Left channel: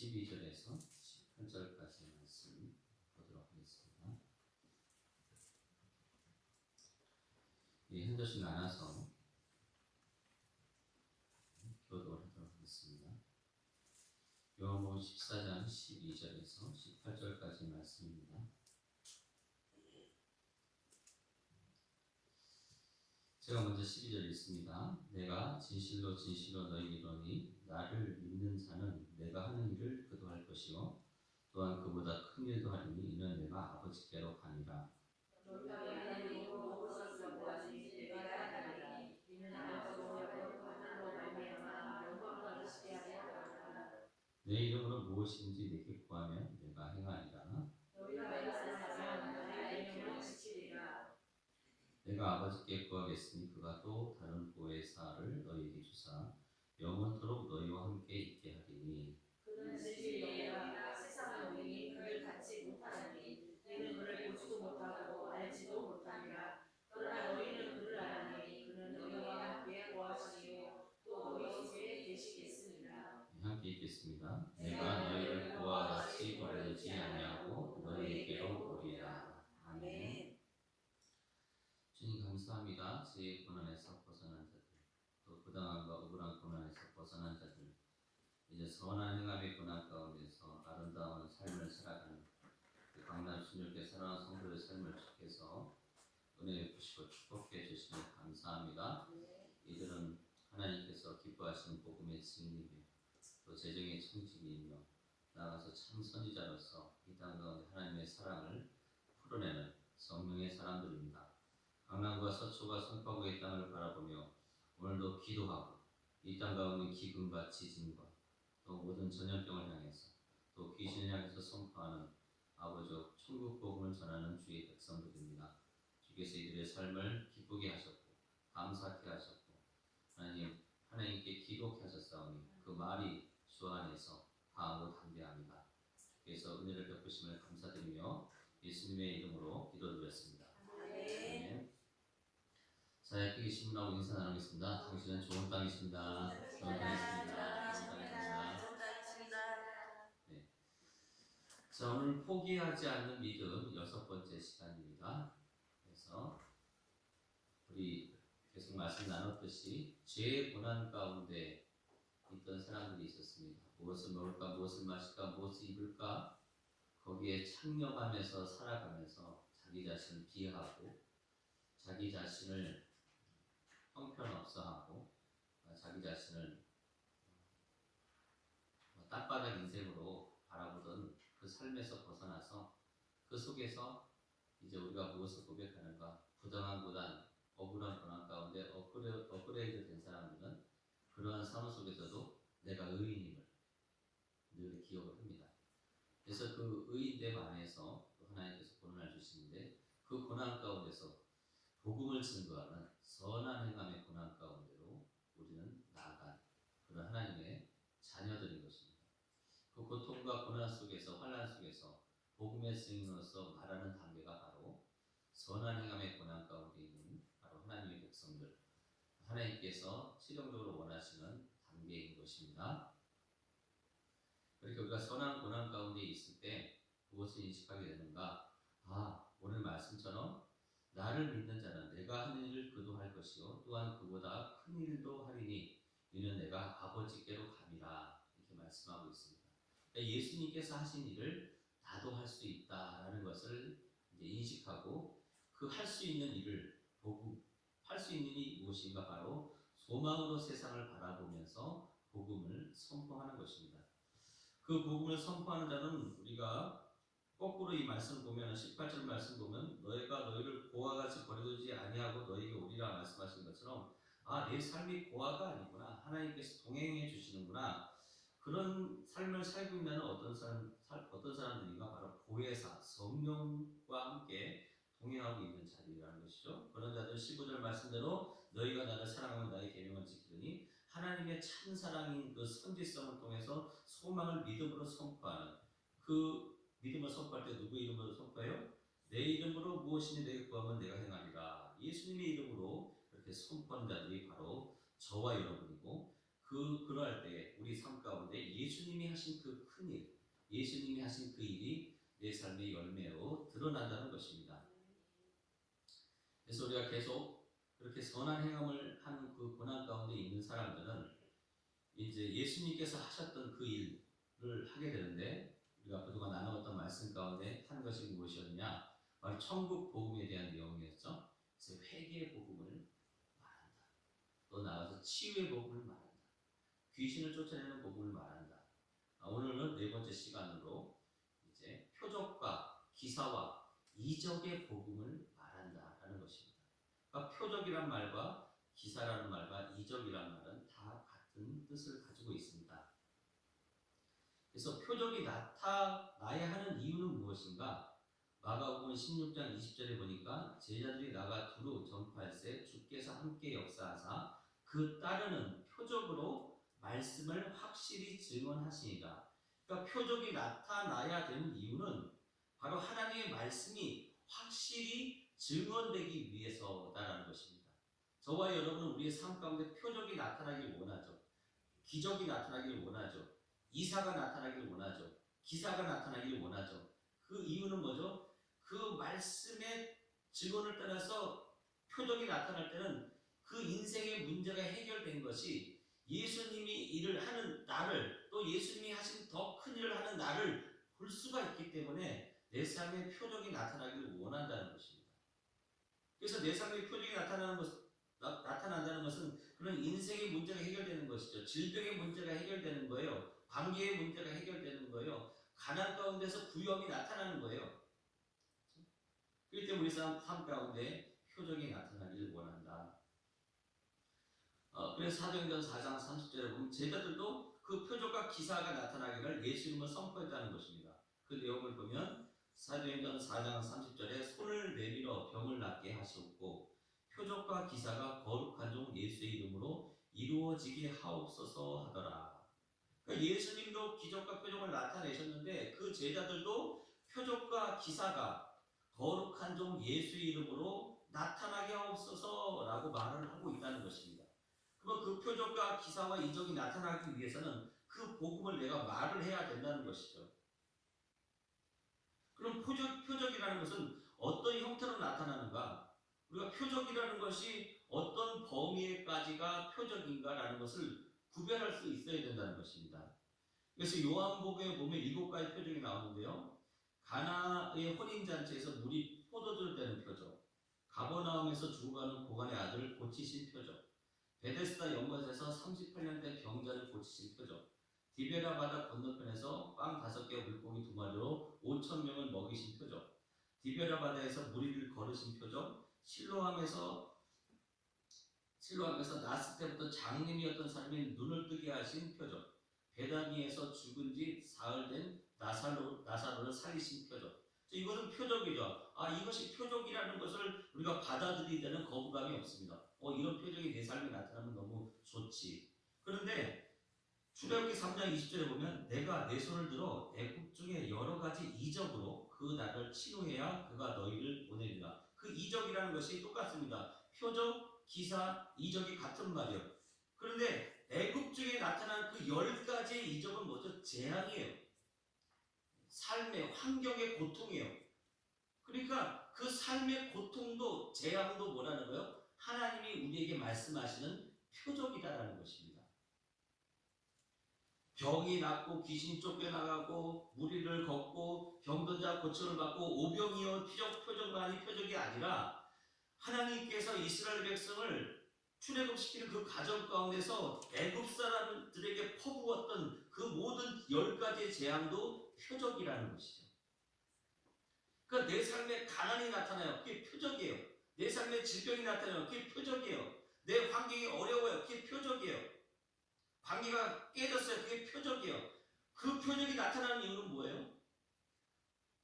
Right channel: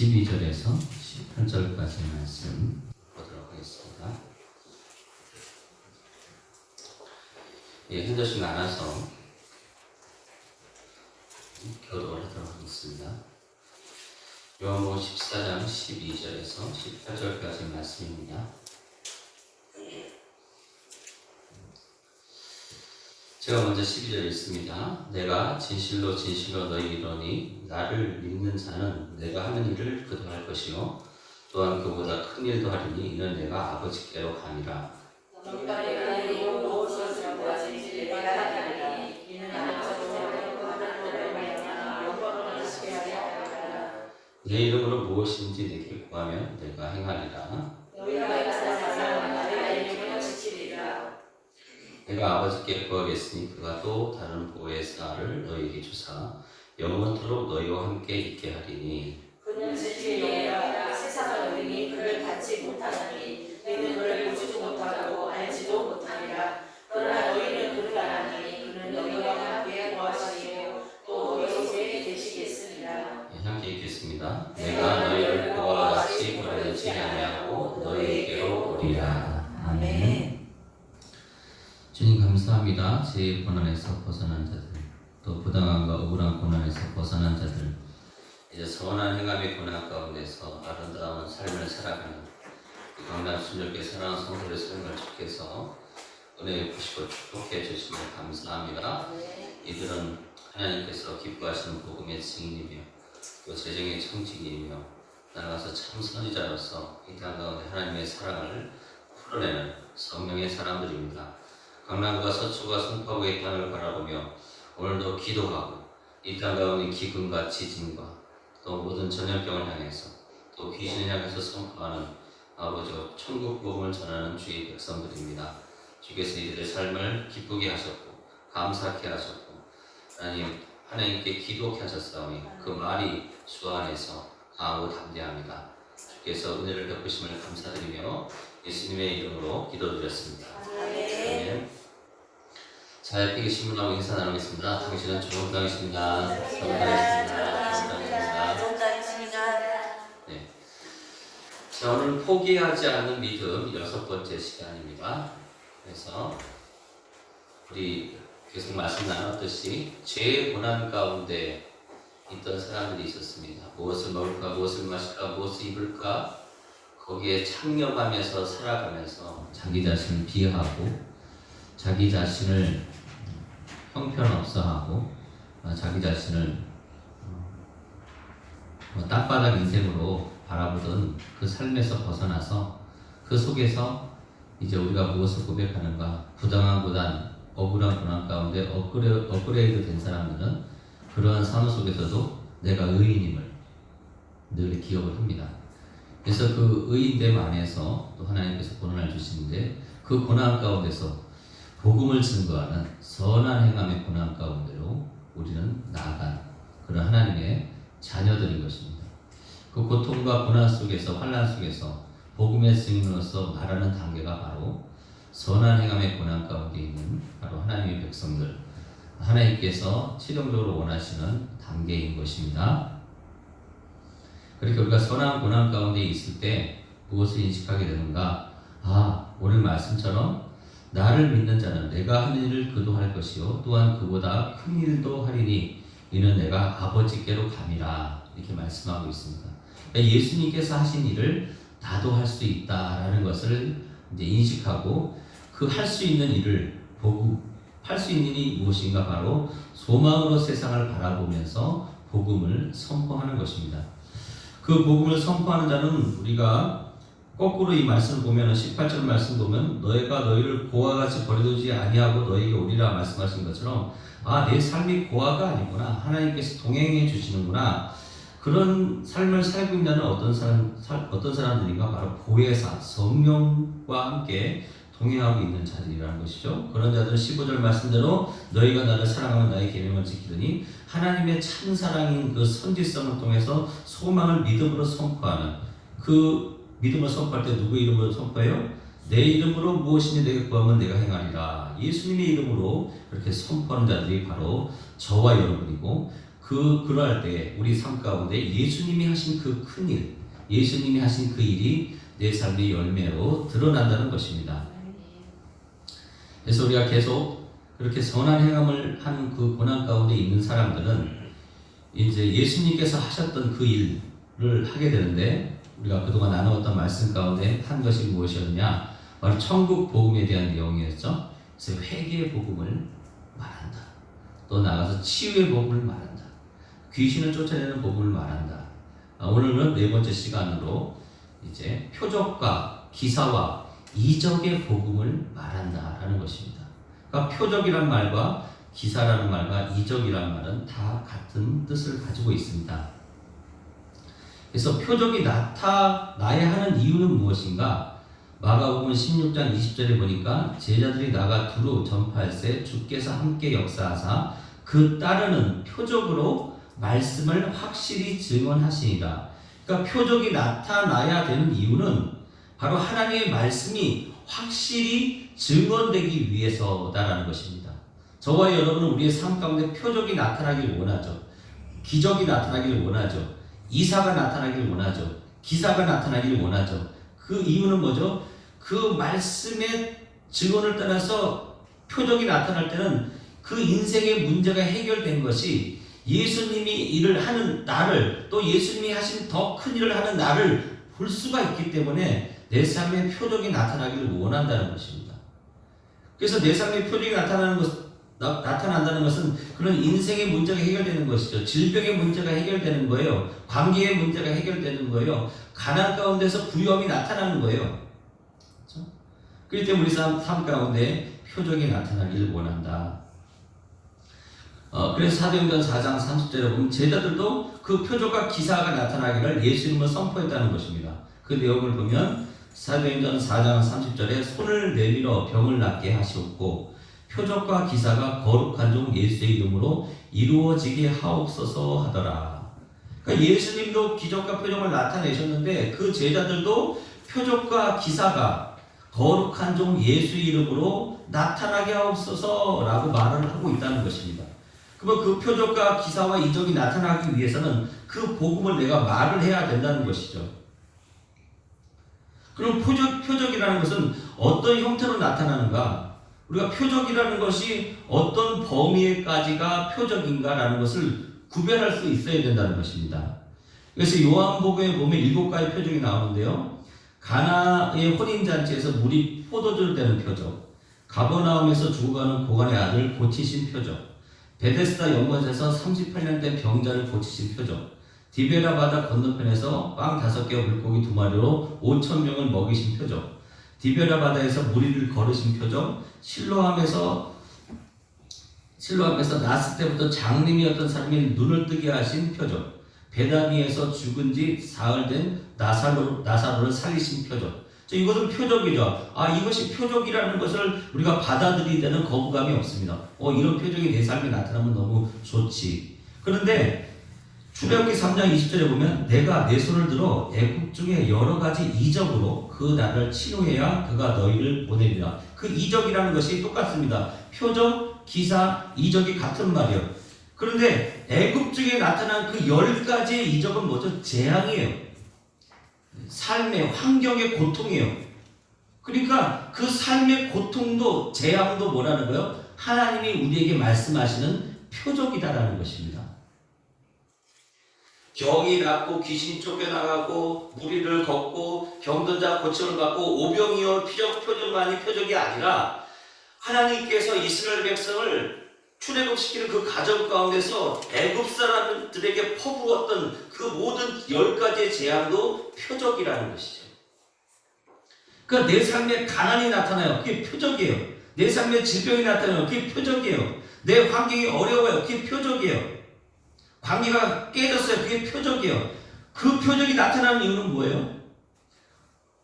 12절에서 18절까지 말씀 보도록 하겠습니다. 현저씩 나눠서 교독을 하도록 하겠습니다. 요한복음 14장 12절에서 18절까지 말씀입니다. 제가 먼저 12절 읽습니다. 내가 진실로 진실로 너희에게 이르노니 나를 믿는 자는 내가 하는 일을 그도 할 것이요 또한 그보다 큰 일도 하리니 이는 내가 아버지께로 가니라. 내 이름으로 무엇인지 내게 구하면 내가 행하리라. 내가 아버지께 구하겠으니 그가 또 다른 보혜사를 너희에게 주사 영원토록 너희와 함께 있게 하리니 그는 진리로라. 세상은 너희니 그를 받지 못하나니 너희는 그를 보지도 못하고 알지도 못하리라. 그러나 너희는 그를 아나니 그는 너희와 함께 거하시며 또 너희에게 계시겠으리라. 함께 읽겠습니다. 내가 너희를 그와 같이 버리지 아니하고 너희에게로 오리라. 아멘. 주님 감사합니다. 제 고난에서 벗어난 자들, 또 부당함과 억울한 고난에서 벗어난 자들, 이제 선한 행함의 고난 가운데서 아름다운 삶을 살아가는 강남 순절께 사랑하는 성도의 삶을 주께서 은혜 주시고 축복해 주시며 감사합니다. 이들은 하나님께서 기뻐하시는 복음의 증인이며 또 재정의 청지기이며 나아가서 참 선지자로서 이 땅 가운데 하나님의 사랑을 풀어내는 성령의 사람들입니다. 강남과 서초가 선포하고 이 땅을 바라보며 오늘도 기도하고 이 땅 가운데 기근과 지진과 또 모든 전염병을 향해서 또 귀신을 향해서 선포하는 아버지 천국 복음을 전하는 주의 백성들입니다. 주께서 이들의 삶을 기쁘게 하셨고 감사케 하셨고 하나님께 기도케 하셨사오니 그 말이 주 안에서 강하고 담대합니다. 주께서 은혜를 베푸심을 감사드리며 예수님의 이름으로 기도드렸습니다. 아멘. 자, 옆에 계신 분하고 인사 나누겠습니다. 당신은 좋은 당이십니다. 좋은 당이십니다. 네. 자, 오늘 포기하지 않는 믿음 6번째 시간입니다. 그래서 우리 계속 말씀 나눴듯이 죄의 고난 가운데 있던 사람들이 있었습니다. 무엇을 먹을까, 무엇을 마실까, 무엇을 입을까 거기에 창념하면서 살아가면서 자기 자신을 비하하고 자기 자신을 형편없어하고 자기 자신을 땅바닥 인생으로 바라보던 그 삶에서 벗어나서 그 속에서 이제 우리가 무엇을 고백하는가, 부당한 고난, 억울한 고난 가운데 업그레이드 된 사람들은 그러한 삶 속에서도 내가 의인임을 늘 기억을 합니다. 그래서 그 의인됨 안에서 또 하나님께서 고난을 주시는데 그 고난 가운데서 복음을 증거하는 선한 행함의 고난 가운데로 우리는 나아간 그런 하나님의 자녀들인 것입니다. 그 고통과 고난 속에서 환난 속에서 복음의 증인으로서 말하는 단계가 바로 선한 행함의 고난 가운데 있는 바로 하나님의 백성들, 하나님께서 최종적으로 원하시는 단계인 것입니다. 그렇게 우리가 선한 고난 가운데 있을 때 무엇을 인식하게 되는가? 오늘 말씀처럼 나를 믿는 자는 내가 하는 일을 그도 할 것이요 또한 그보다 큰 일도 하리니 이는 내가 아버지께로 감이라 이렇게 말씀하고 있습니다. 그러니까 예수님께서 하신 일을 나도 할 수 있다라는 것을 이제 인식하고 그 할 수 있는 일을 보고 할 수 있는 일이 무엇인가 바로 소망으로 세상을 바라보면서 복음을 선포하는 것입니다. 그 복음을 선포하는 자는 우리가 거꾸로 이 말씀을 보면 18절 말씀 보면 너희가 너희를 고와 같이 버려두지 아니하고 너희에게 오리라 말씀하신 것처럼 내 삶이 고아가 아니구나, 하나님께서 동행해 주시는구나, 그런 삶을 살고 있는 어떤 사람들인가 바로 보혜사 성령과 함께 동행하고 있는 자들이라는 것이죠. 그런 자들은 15절 말씀대로 너희가 나를 사랑하면 나의 계명을 지키더니 하나님의 참 사랑인 그 선지성을 통해서 소망을 믿음으로 선포하는, 그 믿음을 선포할 때 누구 이름으로 선포해요? 내 이름으로 무엇이니 내게 구하면 내가 행하리라. 예수님의 이름으로 그렇게 선포하는 자들이 바로 저와 여러분이고, 그럴 때 우리 삶 가운데 예수님이 하신 그 큰 일, 예수님이 하신 그 일이 내 삶의 열매로 드러난다는 것입니다. 그래서 우리가 계속 그렇게 선한 행함을 하는 그 고난 가운데 있는 사람들은 이제 예수님께서 하셨던 그 일을 하게 되는데, 우리가 그동안 나누었던 말씀 가운데 한 것이 무엇이었냐? 바로 천국 복음에 대한 내용이었죠. 그래서 회개의 복음을 말한다. 또 나가서 치유의 복음을 말한다. 귀신을 쫓아내는 복음을 말한다. 오늘은 네 번째 시간으로 이제 표적과 기사와 이적의 복음을 말한다라는 것입니다. 그러니까 표적이란 말과 기사라는 말과 이적이란 말은 다 같은 뜻을 가지고 있습니다. 그래서 표적이 나타나야 하는 이유는 무엇인가? 마가복음 16장 20절에 보니까 제자들이 나가 두루 전파할세 주께서 함께 역사하사 그 따르는 표적으로 말씀을 확실히 증언하시니라. 그러니까 표적이 나타나야 되는 이유는 바로 하나님의 말씀이 확실히 증언되기 위해서다라는 것입니다. 저와 여러분은 우리의 삶 가운데 표적이 나타나길 원하죠. 기적이 나타나길 원하죠. 이사가 나타나길 원하죠. 기사가 나타나길 원하죠. 그 이유는 뭐죠? 그 말씀의 증언을 따라서 표적이 나타날 때는 그 인생의 문제가 해결된 것이 예수님이 일을 하는 나를, 또 예수님이 하신 더 큰 일을 하는 나를 볼 수가 있기 때문에 내 삶에 표적이 나타나기를 원한다는 것입니다. 그래서 내 삶에 표적이 나타난다는 것은 그런 인생의 문제가 해결되는 것이죠. 질병의 문제가 해결되는 거예요. 관계의 문제가 해결되는 거예요. 가난 가운데서 부유함이 나타나는 거예요. 그렇죠? 그렇기 때문에 우리 삶 가운데 표적이 나타나기를 원한다. 그래서 사도행전 4장 30절에 보면 제자들도 그 표적과 기사가 나타나기를 예수님을 선포했다는 것입니다. 그 내용을 보면 사도행전 4장 30절에 손을 내밀어 병을 낫게 하시옵고 표적과 기사가 거룩한 종 예수의 이름으로 이루어지게 하옵소서 하더라. 그러니까 예수님도 기적과 표적을 나타내셨는데 그 제자들도 표적과 기사가 거룩한 종 예수의 이름으로 나타나게 하옵소서라고 말을 하고 있다는 것입니다. 그러면 그 표적과 기사와 이적이 나타나기 위해서는 그 복음을 내가 말을 해야 된다는 것이죠. 그럼 표적이라는 것은 어떤 형태로 나타나는가? 우리가 표적이라는 것이 어떤 범위에까지가 표적인가라는 것을 구별할 수 있어야 된다는 것입니다. 그래서 요한복음에 보면 7가지 표적이 나오는데요. 가나의 혼인잔치에서 물이 포도주 되는 표적, 가버나움에서 죽어가는 고관의 아들 고치신 표적, 베데스다 연못에서 38년 된 병자를 고치신 표적, 디베라 바다 건너편에서 빵 5개와 물고기 2마리로 5,000명을 먹이신 표적, 디베라 바다에서 무리를 걸으신 표적, 실로암에서 나스 때부터 장님이었던 사람이 눈을 뜨게 하신 표적, 베다니에서 죽은 지 사흘 된 나사로를 살리신 표적. 이것은 표적이죠. 이것이 표적이라는 것을 우리가 받아들이게 되는 거부감이 없습니다. 이런 표적이 내 삶에 나타나면 너무 좋지. 그런데 출애굽기 3장 20절에 보면 내가 내 손을 들어 애굽 중에 여러 가지 이적으로 그 나라를 치료해야 그가 너희를 보내리라. 그 이적이라는 것이 똑같습니다. 표적, 기사, 이적이 같은 말이에요. 그런데 애굽 중에 나타난 그 10가지의 이적은 뭐죠? 재앙이에요. 삶의 환경의 고통이에요. 그러니까 그 삶의 고통도 재앙도 뭐라는 거예요? 하나님이 우리에게 말씀하시는 표적이다라는 것입니다. 병이 낫고 귀신이 쫓겨나가고 무리를 걷고 병든 자 고침을 받고 오병이어 표적만이 표적이 아니라 하나님께서 이스라엘 백성을 출애굽시키는 그 과정 가운데서 애굽 사람들에게 퍼부었던 그 모든 10가지의 재앙도 표적이라는 것이죠. 그러니까 내 삶에 가난이 나타나요. 그게 표적이에요. 내 삶에 질병이 나타나요. 그게 표적이에요. 내 환경이 어려워요. 그게 표적이에요. 관계가 깨졌어요. 그게 표적이에요. 그 표적이 나타나는 이유는 뭐예요?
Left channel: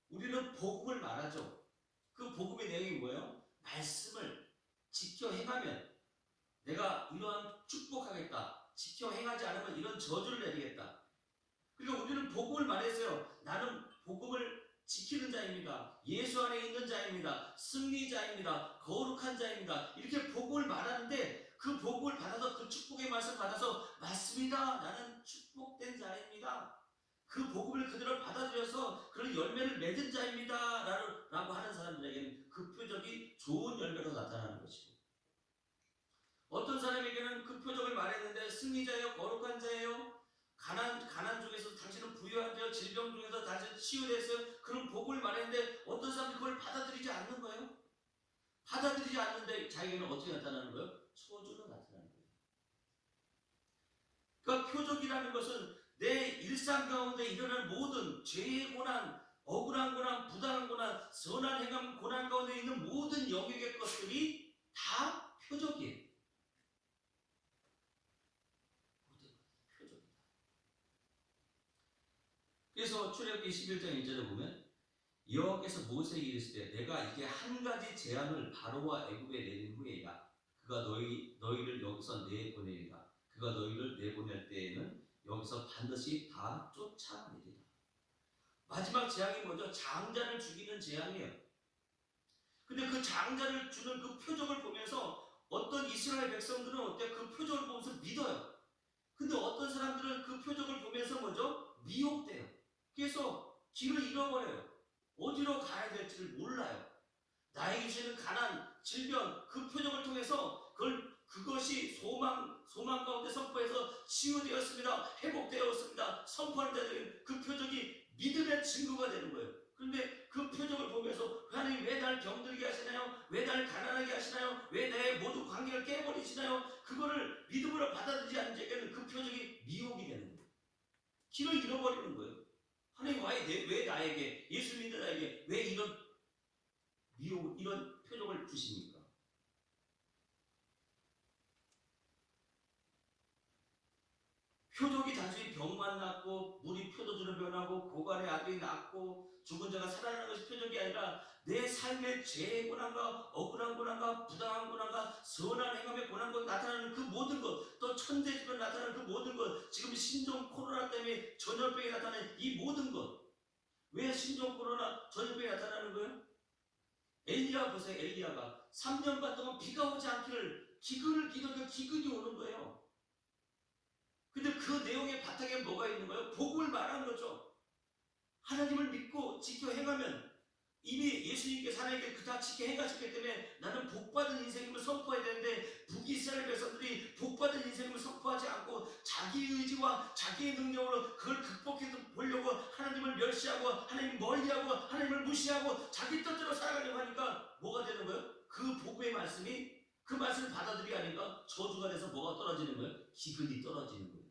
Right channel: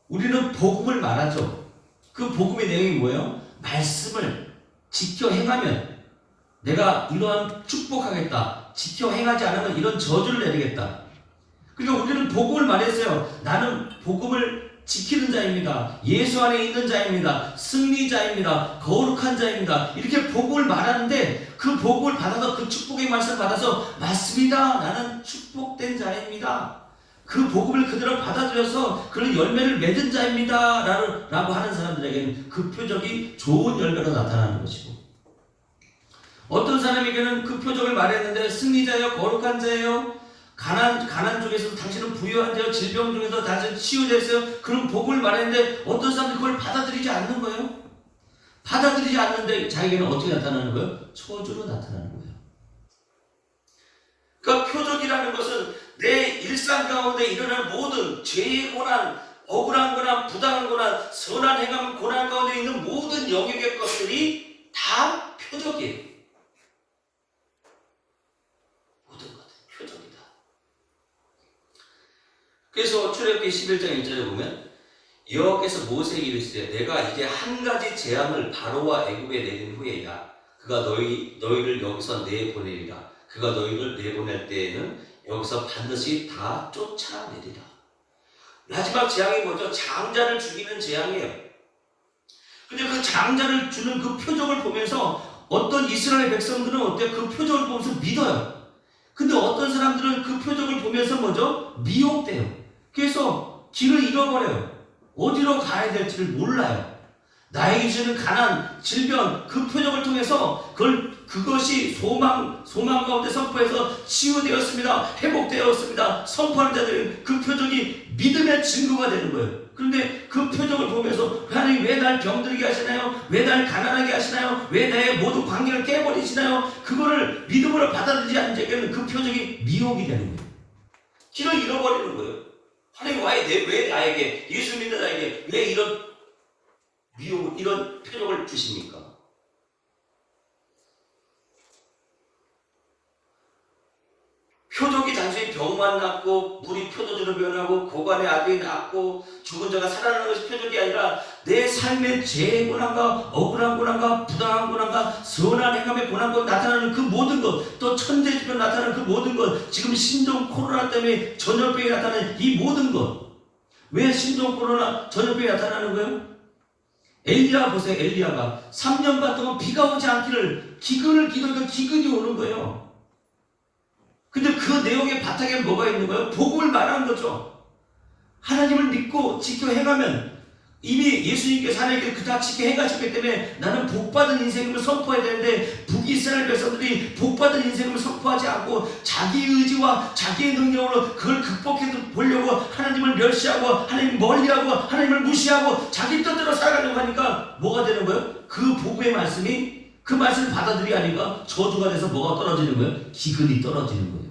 우리는 복음을 말하죠. 그 복음의 내용이 뭐예요? 말씀을 지켜 행하면 내가 이러한 축복하겠다. 지켜 행하지 않으면 이런 저주를 내리겠다. 그러니까 우리는 복음을 말했어요. 나는 복음을 지키는 자입니다. 예수 안에 있는 자입니다. 승리자입니다. 거룩한 자입니다. 이렇게 복음을 말하는데 그 복음을 받아서 그 축복의 말씀을 받아서 맞습니다. 나는 축복된 자입니다. 그 복음을 그대로 받아들여서 그런 열매를 맺은 자입니다. 라고 하는 사람들에게는 그 표적이 좋은 열매로 나타나는 것이고, 어떤 사람에게는 그 표적을 말했는데 승리자예요, 거룩한 자예요, 가난 쪽에서 당신은 부유한 자예요, 질병 중에서 당신은 치유됐어요, 그런 복음을 말했는데 어떤 사람들이 그걸 받아들이지 않는 거예요. 받아들이지 않는데 자기에게는 어떻게 나타나는 거예요? 저주로 나타나는 거예요. 그러니까 표적이라는 것은 내 일상 가운데 일어나는 모든 죄의 고난, 억울한 고난, 부당한 고난, 선한 행함, 고난 가운데 있는 모든 영역의 것들이 다 표적이에요. 모든 것은 표적이다. 그래서 출애굽기 11장 1절에 보면 여호와께서 모세에게 이르시되 내가 이제 한 가지 재앙을 바로와 애굽에 내린 후에야 그가 너희를 여기서 내보내리라. 그가 너희를 내보낼 때에는 여기서 반드시 다 쫓아내리라. 마지막 재앙이 뭐죠? 장자를 죽이는 재앙이에요. 근데 그 장자를 주는 그 표적을 보면서 어떤 이스라엘 백성들은 어때요? 그 표적을 보면서 믿어요. 근데 어떤 사람들은 그 표적을 보면서 뭐죠? 미혹돼요. 그래서 길을 잃어버려요. 어디로 가야 될지를 몰라요. 나에게 주는 가난, 질병, 그 표적을 통해서 그것이 소망 가운데 선포해서 치유되었습니다. 회복되었습니다. 선포하는 자들은 그 표적이 믿음의 증거가 되는 거예요. 그런데 그 표적을 보면서 하나님 왜 날 병들게 하시나요? 왜 날 가난하게 하시나요? 왜 나의 모든 관계를 깨버리시나요? 그거를 믿음으로 받아들이지 않는 자에게는 그 표적이 미혹이 되는 거예요. 길을 잃어버리는 거예요. 하나님 왜 나에게, 예수 믿는 자에게 왜 이런 미혹, 이런 표적을 주십니까? 표적이 단순히 병만 낫고 물이 표도주로 변하고 고관의 아들이 낫고 죽은 자가 살아나는 것이 표적이 아니라 내 삶의 죄의 고난과 억울한 고난과 부당한 고난과 선한 행함의 고난과 나타나는 그 모든 것, 또 천재지변 나타나는 그 모든 것, 지금 신종 코로나 때문에 전염병이 나타나는 이 모든 것, 왜 신종 코로나 전염병이 나타나는 거예요? 엘리야 보세요. 엘리야가 3년 반 동안 비가 오지 않기를 기근을 기도하니까 기근이 오는 거예요. 근데 그 내용의 바탕에 뭐가 있는 거예요? 복음을 말하는 거죠. 하나님을 믿고 지켜 행하면 이미 예수님께서 하나님께 그다 지켜 행하셨기 때문에 나는 복받은 인생을 선포해야 되는데 북이스라엘 백성들이 복받은 인생을 선포하지 않고 자기 의지와 자기의 능력으로 그걸 극복해 보려고 하나님을 멸시하고 하나님 멀리하고 하나님을 무시하고 자기 뜻대로 살아가려고 하니까 뭐가 되는 거예요? 그 복음의 말씀이 그 말씀을 받아들이지 않으니까 저주가 돼서 뭐가 떨어지는 거예요? 기근이 떨어지는 거예요.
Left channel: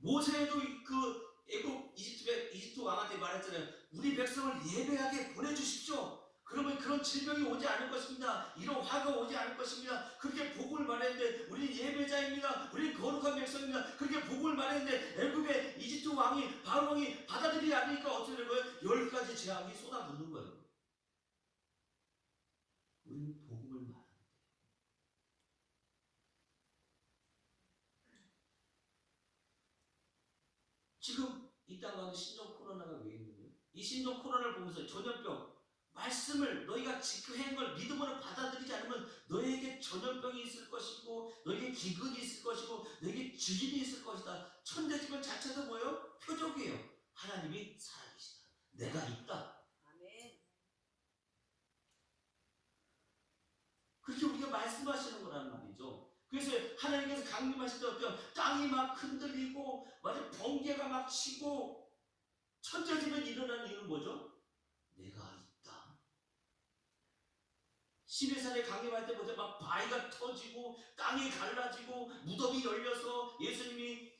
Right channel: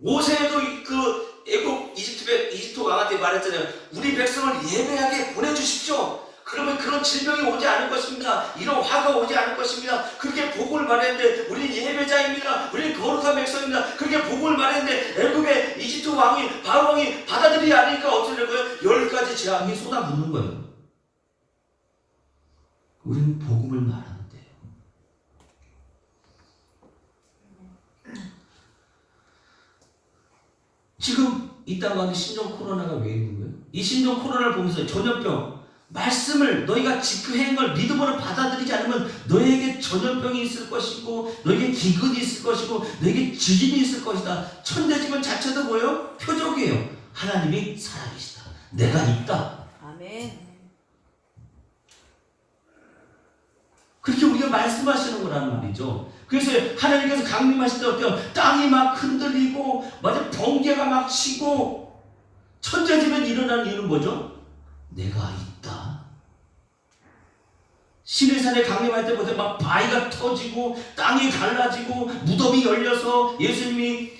모세도 그 애굽 이집트 왕한테 말했잖아요. 우리 백성을 예배하게 보내주십시오. 그러면 그런 질병이 오지 않을 것입니다. 이런 화가 오지 않을 것입니다. 그렇게 복음을 말했는데 우리는 예배자입니다. 우리는 거룩한 백성입니다. 그렇게 복음을 말했는데 애굽의 이집트 왕이 바로 왕이 받아들이지 않으니까 어떻게 될 거예요? 10가지 재앙이 쏟아붓는 거예요. 우리는 복음을 말하는데 지금 이 땅 가운데 신종 코로나가 왜 있는 거예요? 이 신종 코로나를 보면서 전염병 말씀을 너희가 지켜낸 걸 믿음으로 받아들이지 않으면 너에게 전염병이 있을 것이고 너에게 기근이 있을 것이고 너에게 지진이 있을 것이다. 천대지변 자체도 뭐예요? 표적이에요. 하나님이 살아계시다. 내가 있다. 아멘. 그렇게 우리가 말씀하시는 거라는 말이죠. 그래서 하나님께서 강림하실 때 어때요? 땅이 막 흔들리고 맞아 번개가 막 치고 천재지변 일어나는 이유는 뭐죠? 내가 있다. 시내산에 강림할 때 보세요. 막 바위가 터지고 땅이 갈라지고 무덤이 열려서 예수님이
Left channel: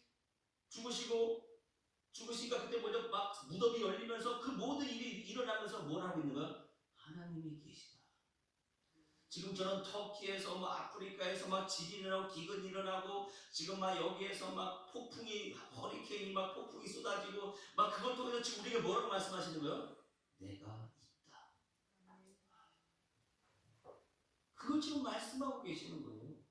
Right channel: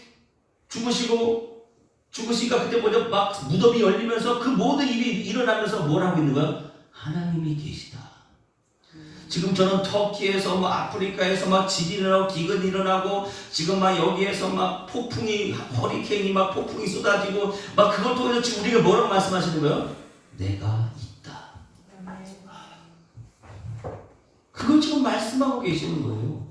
죽으시니까 그때 보죠. 막 무덤이 열리면서 그 모든 일이 일어나면서 뭘 하고 있는 거야? 하나님이 계시다. 지금 저는 터키에서 뭐 아프리카에서 막 지진이 일어나고 기근이 일어나고 지금 막 여기에서 막 폭풍이 허리케인이 막 폭풍이 쏟아지고 막 그걸 통해서 지금 우리가 뭐라고 말씀하시는 거예요? 내가 있다. 그걸 지금 말씀하고 계시는 거예요.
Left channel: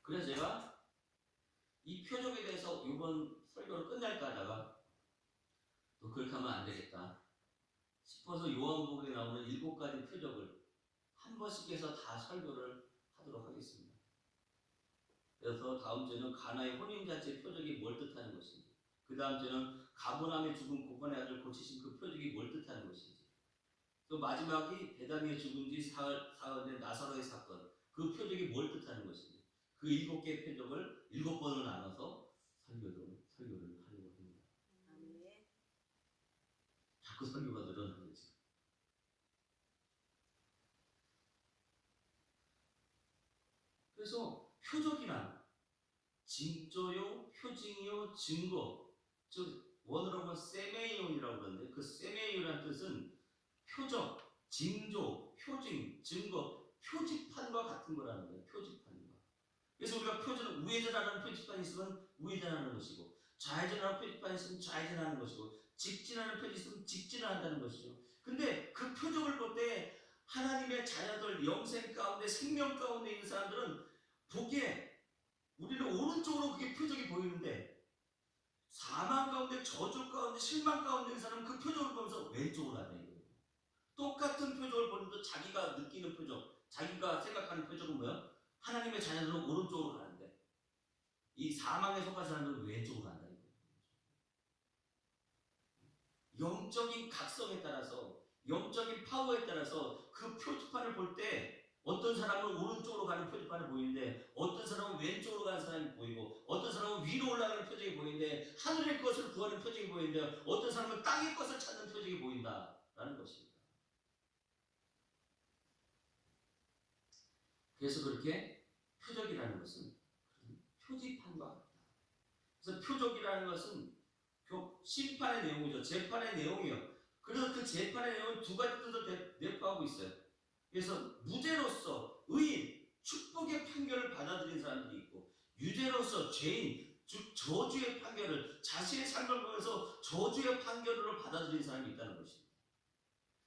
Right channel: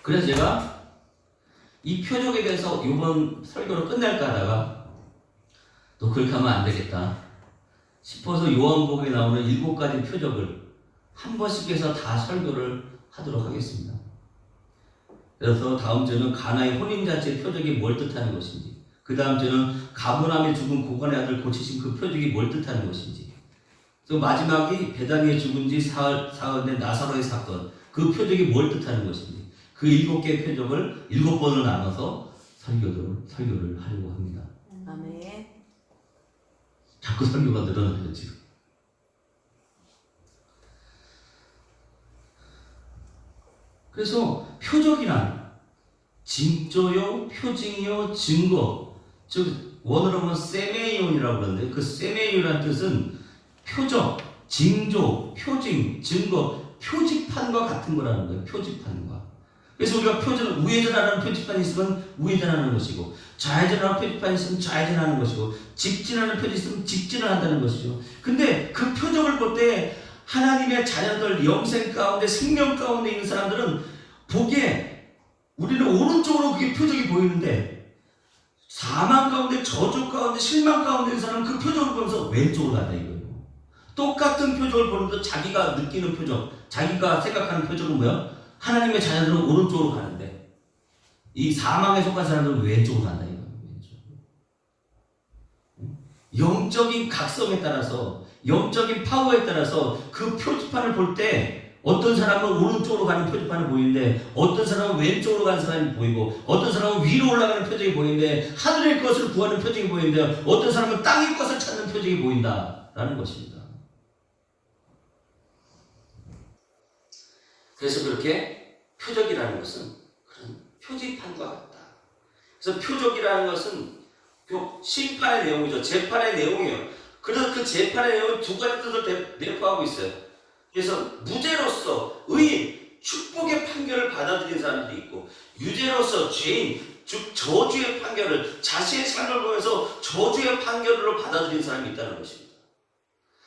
그래서 제가 이 표적에 대해서 이번 설교를 끝낼까 하다가 또 그렇게 하면 안 되겠다 싶어서 요한복음에 나오는 7가지 표적을 한 번씩 해서 다 설교를 하도록 하겠습니다. 그래서 다음 주는 가나의 혼인잔치의 표적이 뭘 뜻하는 것인지, 그 다음 주는 가버나움에 죽은 고관의 아들 고치신 그 표적이 뭘 뜻하는 것인지, 또 마지막이 베다니에 죽은 지 사흘 된 나사로의 사건, 그 표적이 뭘 뜻하는 것인지, 그 7개의 표적을 7번을 나눠서 설교를 하려고 합니다. 아멘. 자꾸 설교가 늘어나요 지금. 그래서 표적이란 징조요, 표징요, 증거, 즉 원어로 보면 세메이온이라고 그러는데 그 세메이온이라는 뜻은 표적, 징조, 표징, 증거, 표지판과 같은 거라는 거예요. 표지판과. 그래서 우리가 우회전하는 표지판이 있으면 우회전하는 것이고, 좌회전하는 표지판이 있으면 좌회전하는 것이고, 직진하는 표지 있으면 직진을 한다는 것이죠. 근데 그 표적을 볼 때 하나님의 자녀들, 영생 가운데 생명 가운데 있는 사람들은 보기에 우리는 오른쪽으로 그게 표적이 보이는데, 사망 가운데, 저주 가운데, 실망 가운데 있는 사람은 그 표적을 보면서 왼쪽으로 간다 이거예요. 똑같은 표적을 보는데 자기가 느끼는 표적, 자기가 생각하는 표적은 뭐야? 하나님의 자녀들은 오른쪽으로 가는데 이 사망에 속한 사람들은 왼쪽으로 간다 이거예요. 영적인 각성에 따라서, 영적인 파워에 따라서 그 표지판을 볼 때 어떤 사람은 오른쪽으로 가는 표지판을 보이는데, 어떤 사람은 왼쪽으로 가는 사람이 보이고, 어떤 사람은 위로 올라가는 표적이 보이는데, 하늘의 것을 구하는 표적이 보이는데, 어떤 사람은 땅의 것을 찾는 표적이 보인다라는 것입니다. 그래서 그렇게 표적이라는 것은 그런 표지판과 같다. 그래서 표적이라는 것은 심판의 내용이죠. 재판의 내용이에요. 그래서 그 재판의 내용은 2가지 뜻을 내포하고 있어요. 그래서 무죄로서 의인, 축복의 판결을 받아들인 사람들이 있고, 유죄로서 죄인, 즉 저주의 판결을, 자신의 삶을 보면서 저주의 판결로 받아들인 사람이 있다는 것입니다.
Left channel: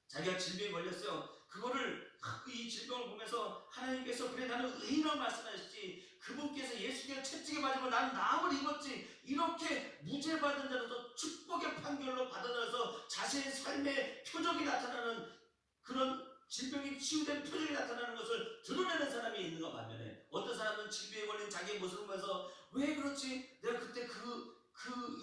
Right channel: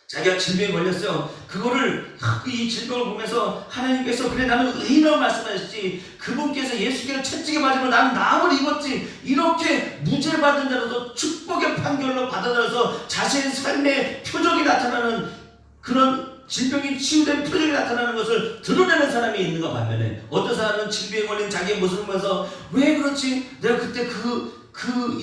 자기가 질병에 걸렸어요. 그거를 이 질병을 보면서 하나님께서 그래 나는 의인이라고 말씀하셨지, 그분께서 예수께서 채찍에 맞으면 나는 나음을 입었지, 이렇게 무죄 받은 자로도 축복의 판결로 받아들여서 자신의 삶의 표적이 나타나는, 그런 질병이 치유된 표적이 나타나는 것을 드러내는 사람이 있는가 반면에, 어떤 사람은 질병에 걸린 자기의 모습을 보면서 왜 그렇지? 내가 그때 그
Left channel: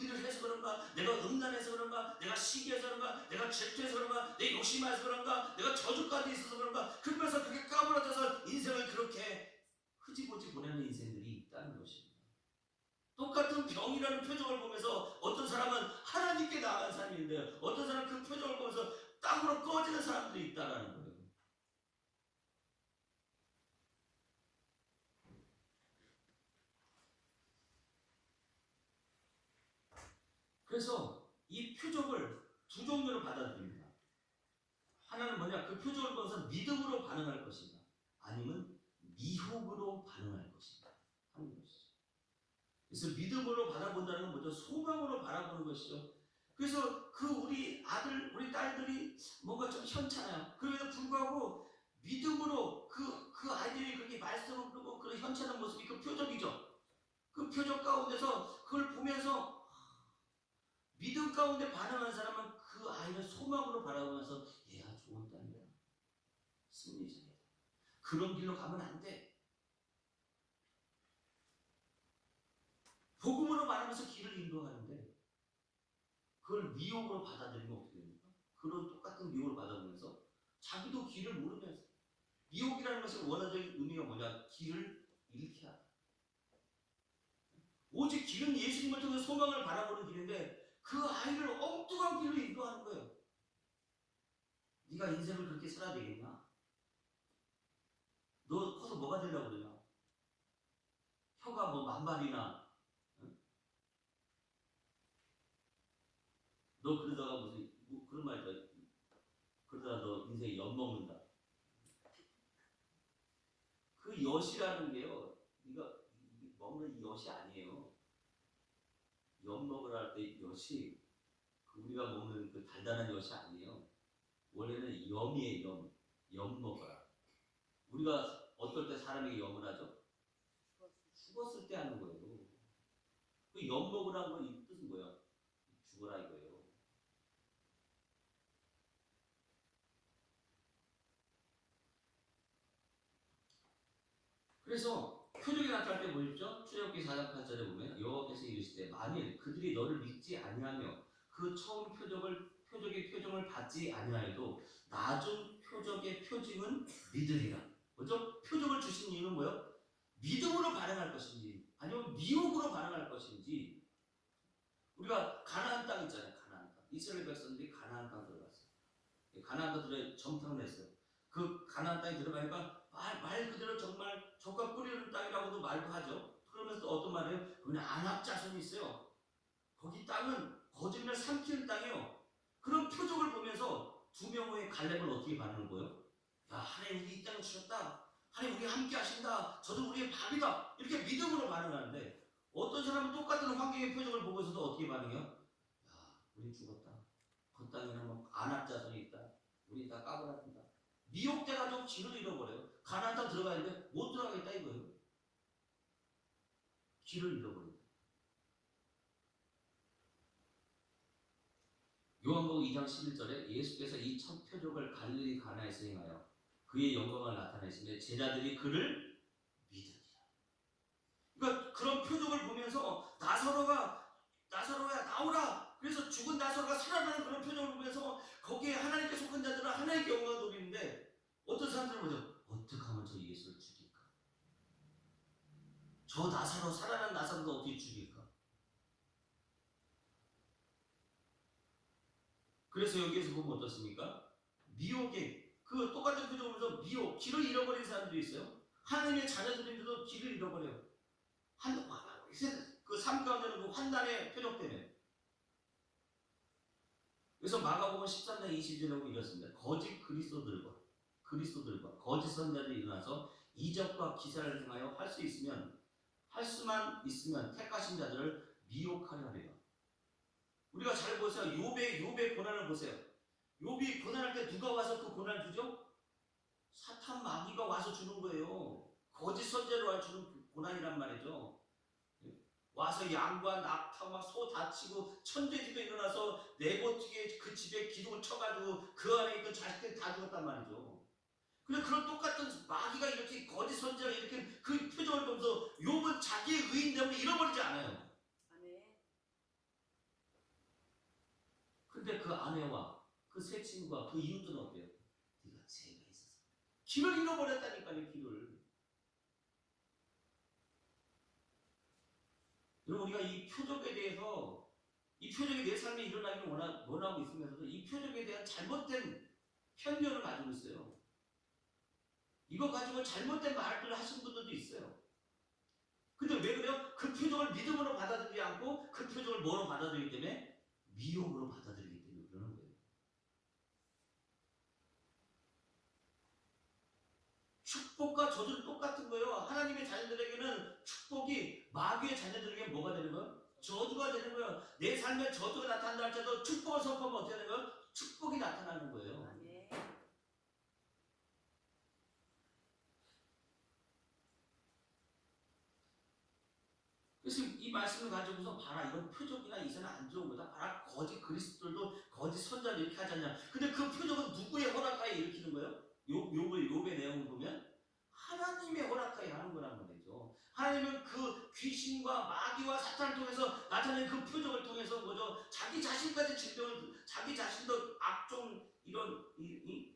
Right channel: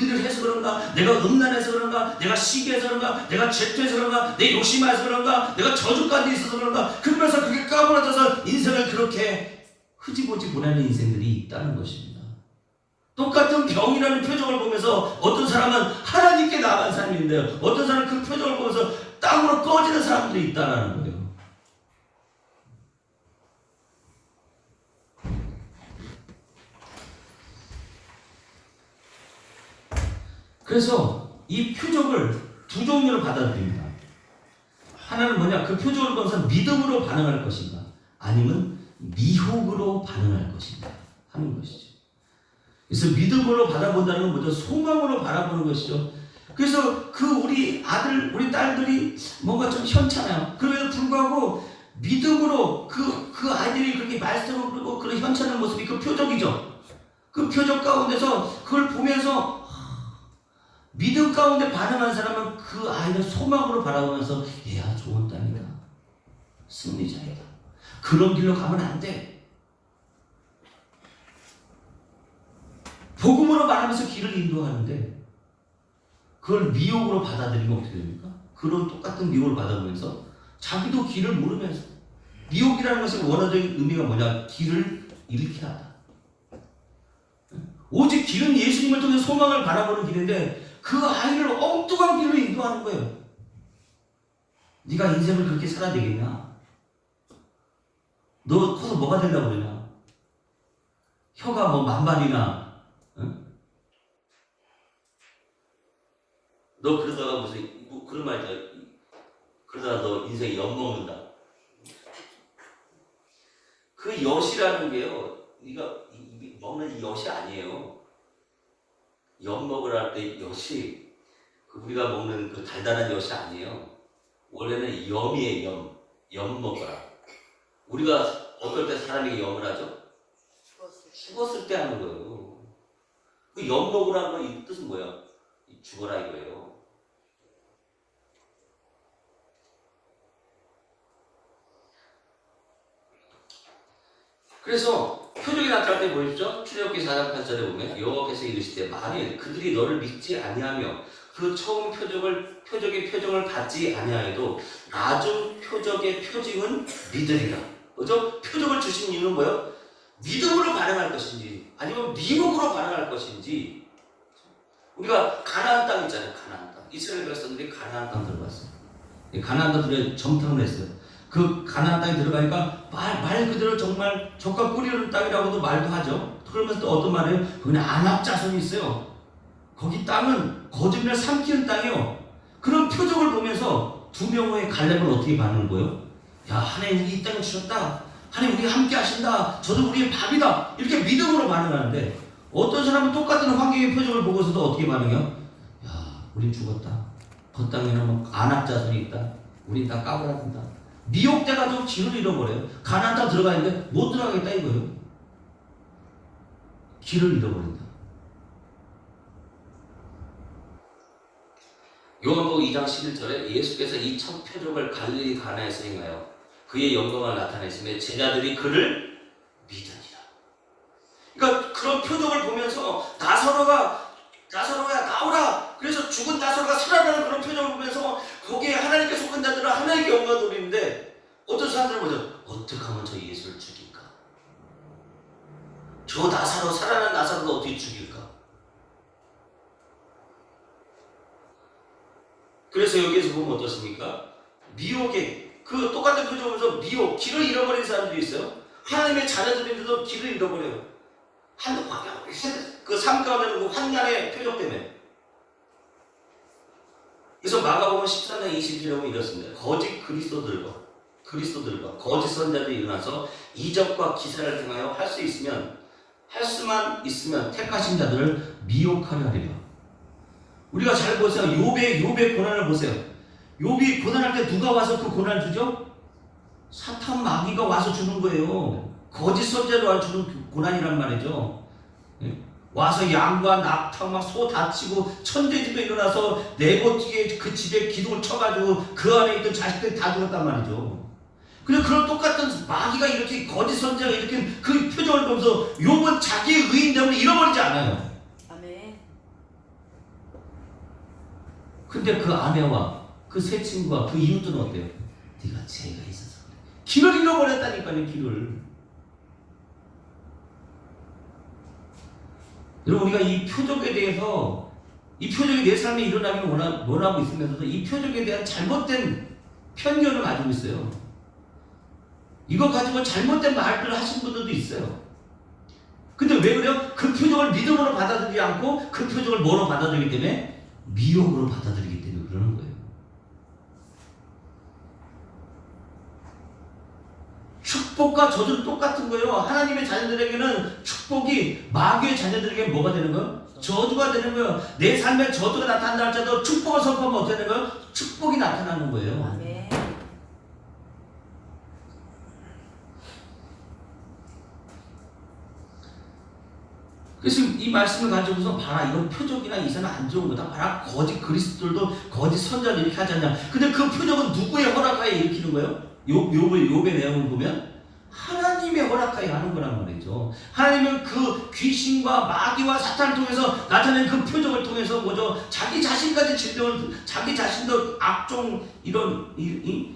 일을 해서 그런가? 내가 음란해서 그런가? 내가 시기해서 그런가? 내가 질투해서 그런가? 내 욕심해서 그런가? 내가 저주까지 있어서 그런가? 그러면서 그게 까무러져서 인생을 그렇게 흐지부지 보내는 인생들이 있다는 것입니다. 똑같은 병이라는 표적을 보면서 어떤 사람은 하나님께 나아간 사람인데요, 어떤 사람은 그 표적을 보면서 땅으로 꺼지는 사람들이 있다는 거예요. 그래서 이 표적을 2종류로 받아들입니다. 하나는 뭐냐? 그 표적을 보면서 믿음으로 반응할 것인가, 아니면 미혹으로 반응할 것인가 하는 것이죠. 그래서 믿음으로 바라본다는 건 뭐죠? 소망으로 바라보는 것이죠. 그래서 우리 아들, 우리 딸들이 뭔가 좀 현찮아요. 그럼에도 불구하고 믿음으로 그 아이들이 그렇게 말씀을 부르고 그런 현찮은 모습이 그 표적이죠. 그 표적 가운데서 그걸 보면서 믿음 가운데 반응한 사람은 그 아이를 소망으로 바라보면서 얘야 좋은 딸이다, 승리자이다, 그런 길로 가면 안 돼. 복음으로 말하면서 길을 인도하는데 그걸 미혹으로 받아들이면 어떻게 됩니까? 그런 똑같은 미혹을 받아보면서 자기도 길을 모르면서, 미혹이라는 것의 원어적인 의미가 뭐냐? 길을 잃게 하다. 오직 길은 예수님을 통해 소망을 바라보는 길인데 그 아이를 엉뚱한 길로 인도하는 거예요. 네가 인생을 그렇게 살아야 되겠냐? 너 커서 뭐가 되려고 그러냐? 혀가 뭐 만발이나, 응? 너 그러다가 무슨 그런 말 있잖아. 그러다가 너 인생에 엿먹는다. 그 엿이라는 게요, 네가 먹는 이 엿이 아니에요. 엿 먹으라 할 때 엿이 우리가 먹는 그 달달한 엿이 아니에요. 원래는 염이에요. 염 먹어라. 우리가 어떨 때 사람에게 염을 하죠? 죽었을 때 하는 거예요. 그 엿먹으라는 건 이 뜻은 뭐야? 죽어라 이거예요. 그래서 표적이 나타날 때 보이죠? 출애굽기 4장 8절에 보면 여호와께서 이르시되 만일 그들이 너를 믿지 아니하며 그 처음 표적의 표정을 받지 아니하여도 나중 표적의 표징은 믿으리라. 그죠? 표적을 주신 이유는 뭐예요? 믿음으로 반응할 것인지 아니면 미혹으로 반응할 것인지. 우리가 가나안 땅 있잖아요. 가나안 땅. 이스라엘 백성들이 가나안 땅 들어갔어요. 가나안 땅에 정탐을 했어요. 그 가나안 땅에 들어가니까 말 그대로 정말 젖과 꿀이 흐르는 땅이라고도 말도 하죠. 그러면서 또 어떤 말이에요? 거기는 안압 자손이 있어요. 거기 땅은 거짓말 삼키는 땅이요. 그런 표적을 보면서 두 명의 갈렙은 어떻게 반응을 보여? 야, 하나님 우리 이 땅을 주셨다. 하나님 우리 함께 하신다. 저도 우리의 밥이다. 이렇게 믿음으로 반응하는데 어떤 사람은 똑같은 환경의 표적을 보고서도 어떻게 반응해요? 야, 우린 죽었다. 그 땅에는 뭐 안압 자손이 있다. 우린 다 까불어간다. 미혹돼가지고 길을 잃어버려요. 가나안 땅 들어가 있는데 못 들어가겠다 이거예요. 길을 잃어버린다. 요한복음 2장 11절에 예수께서 이 첫 표적을 갈릴리 가나에서 행하여 그의 영광을 나타내시며 제자들이 그를 믿으니라. 그러니까 그런 표적을 보면서 나사로야 나오라. 그래서 죽은 나사로가 살아나는 그런 표정을 보면서 거기에 하나님께 속한 자들은 하나님께 영광을 돌리는데 어떤 사람들은 뭐죠? 어떻게 하면 저 예수를 죽일까? 저 나사로 살아난 나사로를 어떻게 죽일까? 그래서 여기에서 보면 어떻습니까? 미혹에 그 똑같은 표정을 보면서 미혹, 길을 잃어버린 사람들이 있어요. 하나님의 자녀들인데도 길을 잃어버려요. 그 삶 가운데 그 환난의 표적 때문에. 그래서 마가복음 13장 20절에 보면 이렇습니다. 거짓 그리스도들과 거짓 선자들이 일어나서 이적과 기사를 행하여 할 수만 있으면 택하신 자들을 미혹하려 하리라. 우리가 잘 보세요. 욥의 고난을 보세요. 욥이 고난할 때 누가 와서 그 고난을 주죠? 사탄 마귀가 와서 주는 거예요. 거짓 선자로 와서 주는 고난이란 말이죠. 와서 양과 낙타 막 소 다치고 천재집에 일어나서 네고티게 그 집에 기둥을 쳐가지고 그 안에 있던 자식들이 다 죽었단 말이죠. 그래서 그런 똑같은 마귀가 이렇게 거짓 선자가 이렇게 그 표정을 보면서 욥은 자기의 의인됨을 잃어버리지 않아요. 아멘. 근데 그 아내와 그 세 친구와 그 이웃들은 어때요? 네가 죄가 있어서 그래. 길을 잃어버렸다니까요. 길을. 여러분 우리가 이 표적에 대해서 이 표적이 내 삶에 일어나기를 원하고 있으면서도 이 표적에 대한 잘못된 편견을 가지고 있어요. 이거 가지고 잘못된 말들을 하신 분들도 있어요. 근데 왜 그래요? 그 표적을 믿음으로 받아들이지 않고 그 표적을 뭐로 받아들이기 때문에? 미혹으로 받아들이기 때문에 그러는 거예요. 축복과 저주는 똑같은 거예요. 하나님의 자녀들에게는 축복이 마귀의 자녀들에게 뭐가 되는 거예요? 저주가 되는 거예요. 내 삶에 저주가 나타난다 할지라도 축복을 선포하면 어떻게 되는 거예요? 축복이 나타나는 거예요. 아멘. 그래서 이 말씀을 가지고서 봐라 이건 표적이나 이사는 안 좋은 거다. 봐라 거짓 그리스도들도 거짓 선자들 이렇게 하지 않냐. 근데 그 표적은 누구의 허락하에 일으키는 거예요? 욥의 내용을 보면 하나님의 허락하에 하는 거란 말이죠. 하나님은 그 귀신과 마귀와 사탄을 통해서 나타낸 그 표적을 통해서 뭐죠? 자기 자신까지 질병을 자기 자신도 악종 이런 이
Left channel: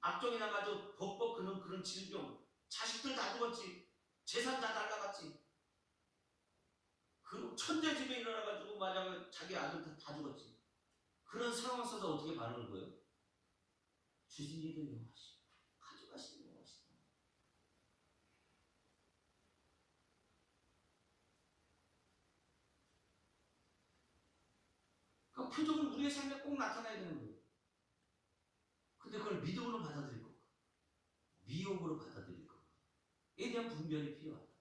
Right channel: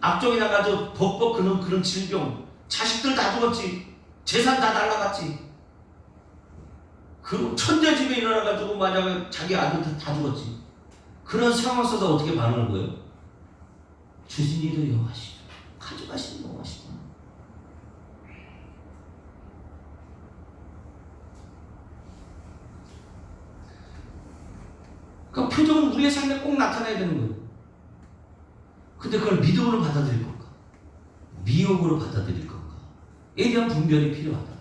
악종이 나가지고 벅벅 그런 질병 자식들 다 죽었지. 재산 다 날라갔지. 그 천재 집에 일어나가지고 만약에 자기 아들 다 죽었지. 그런 상황 속에서 어떻게 반응을 보여요? 주신 이도 여호와시다. 가져가시는 여호와시다. 그러니까 표적은 우리의 삶에 꼭 나타나야 되는 거예요. 근데 그걸 믿음으로 받아들일 건가? 미혹으로 받아들일 건가?에 대한 분별이 필요하다.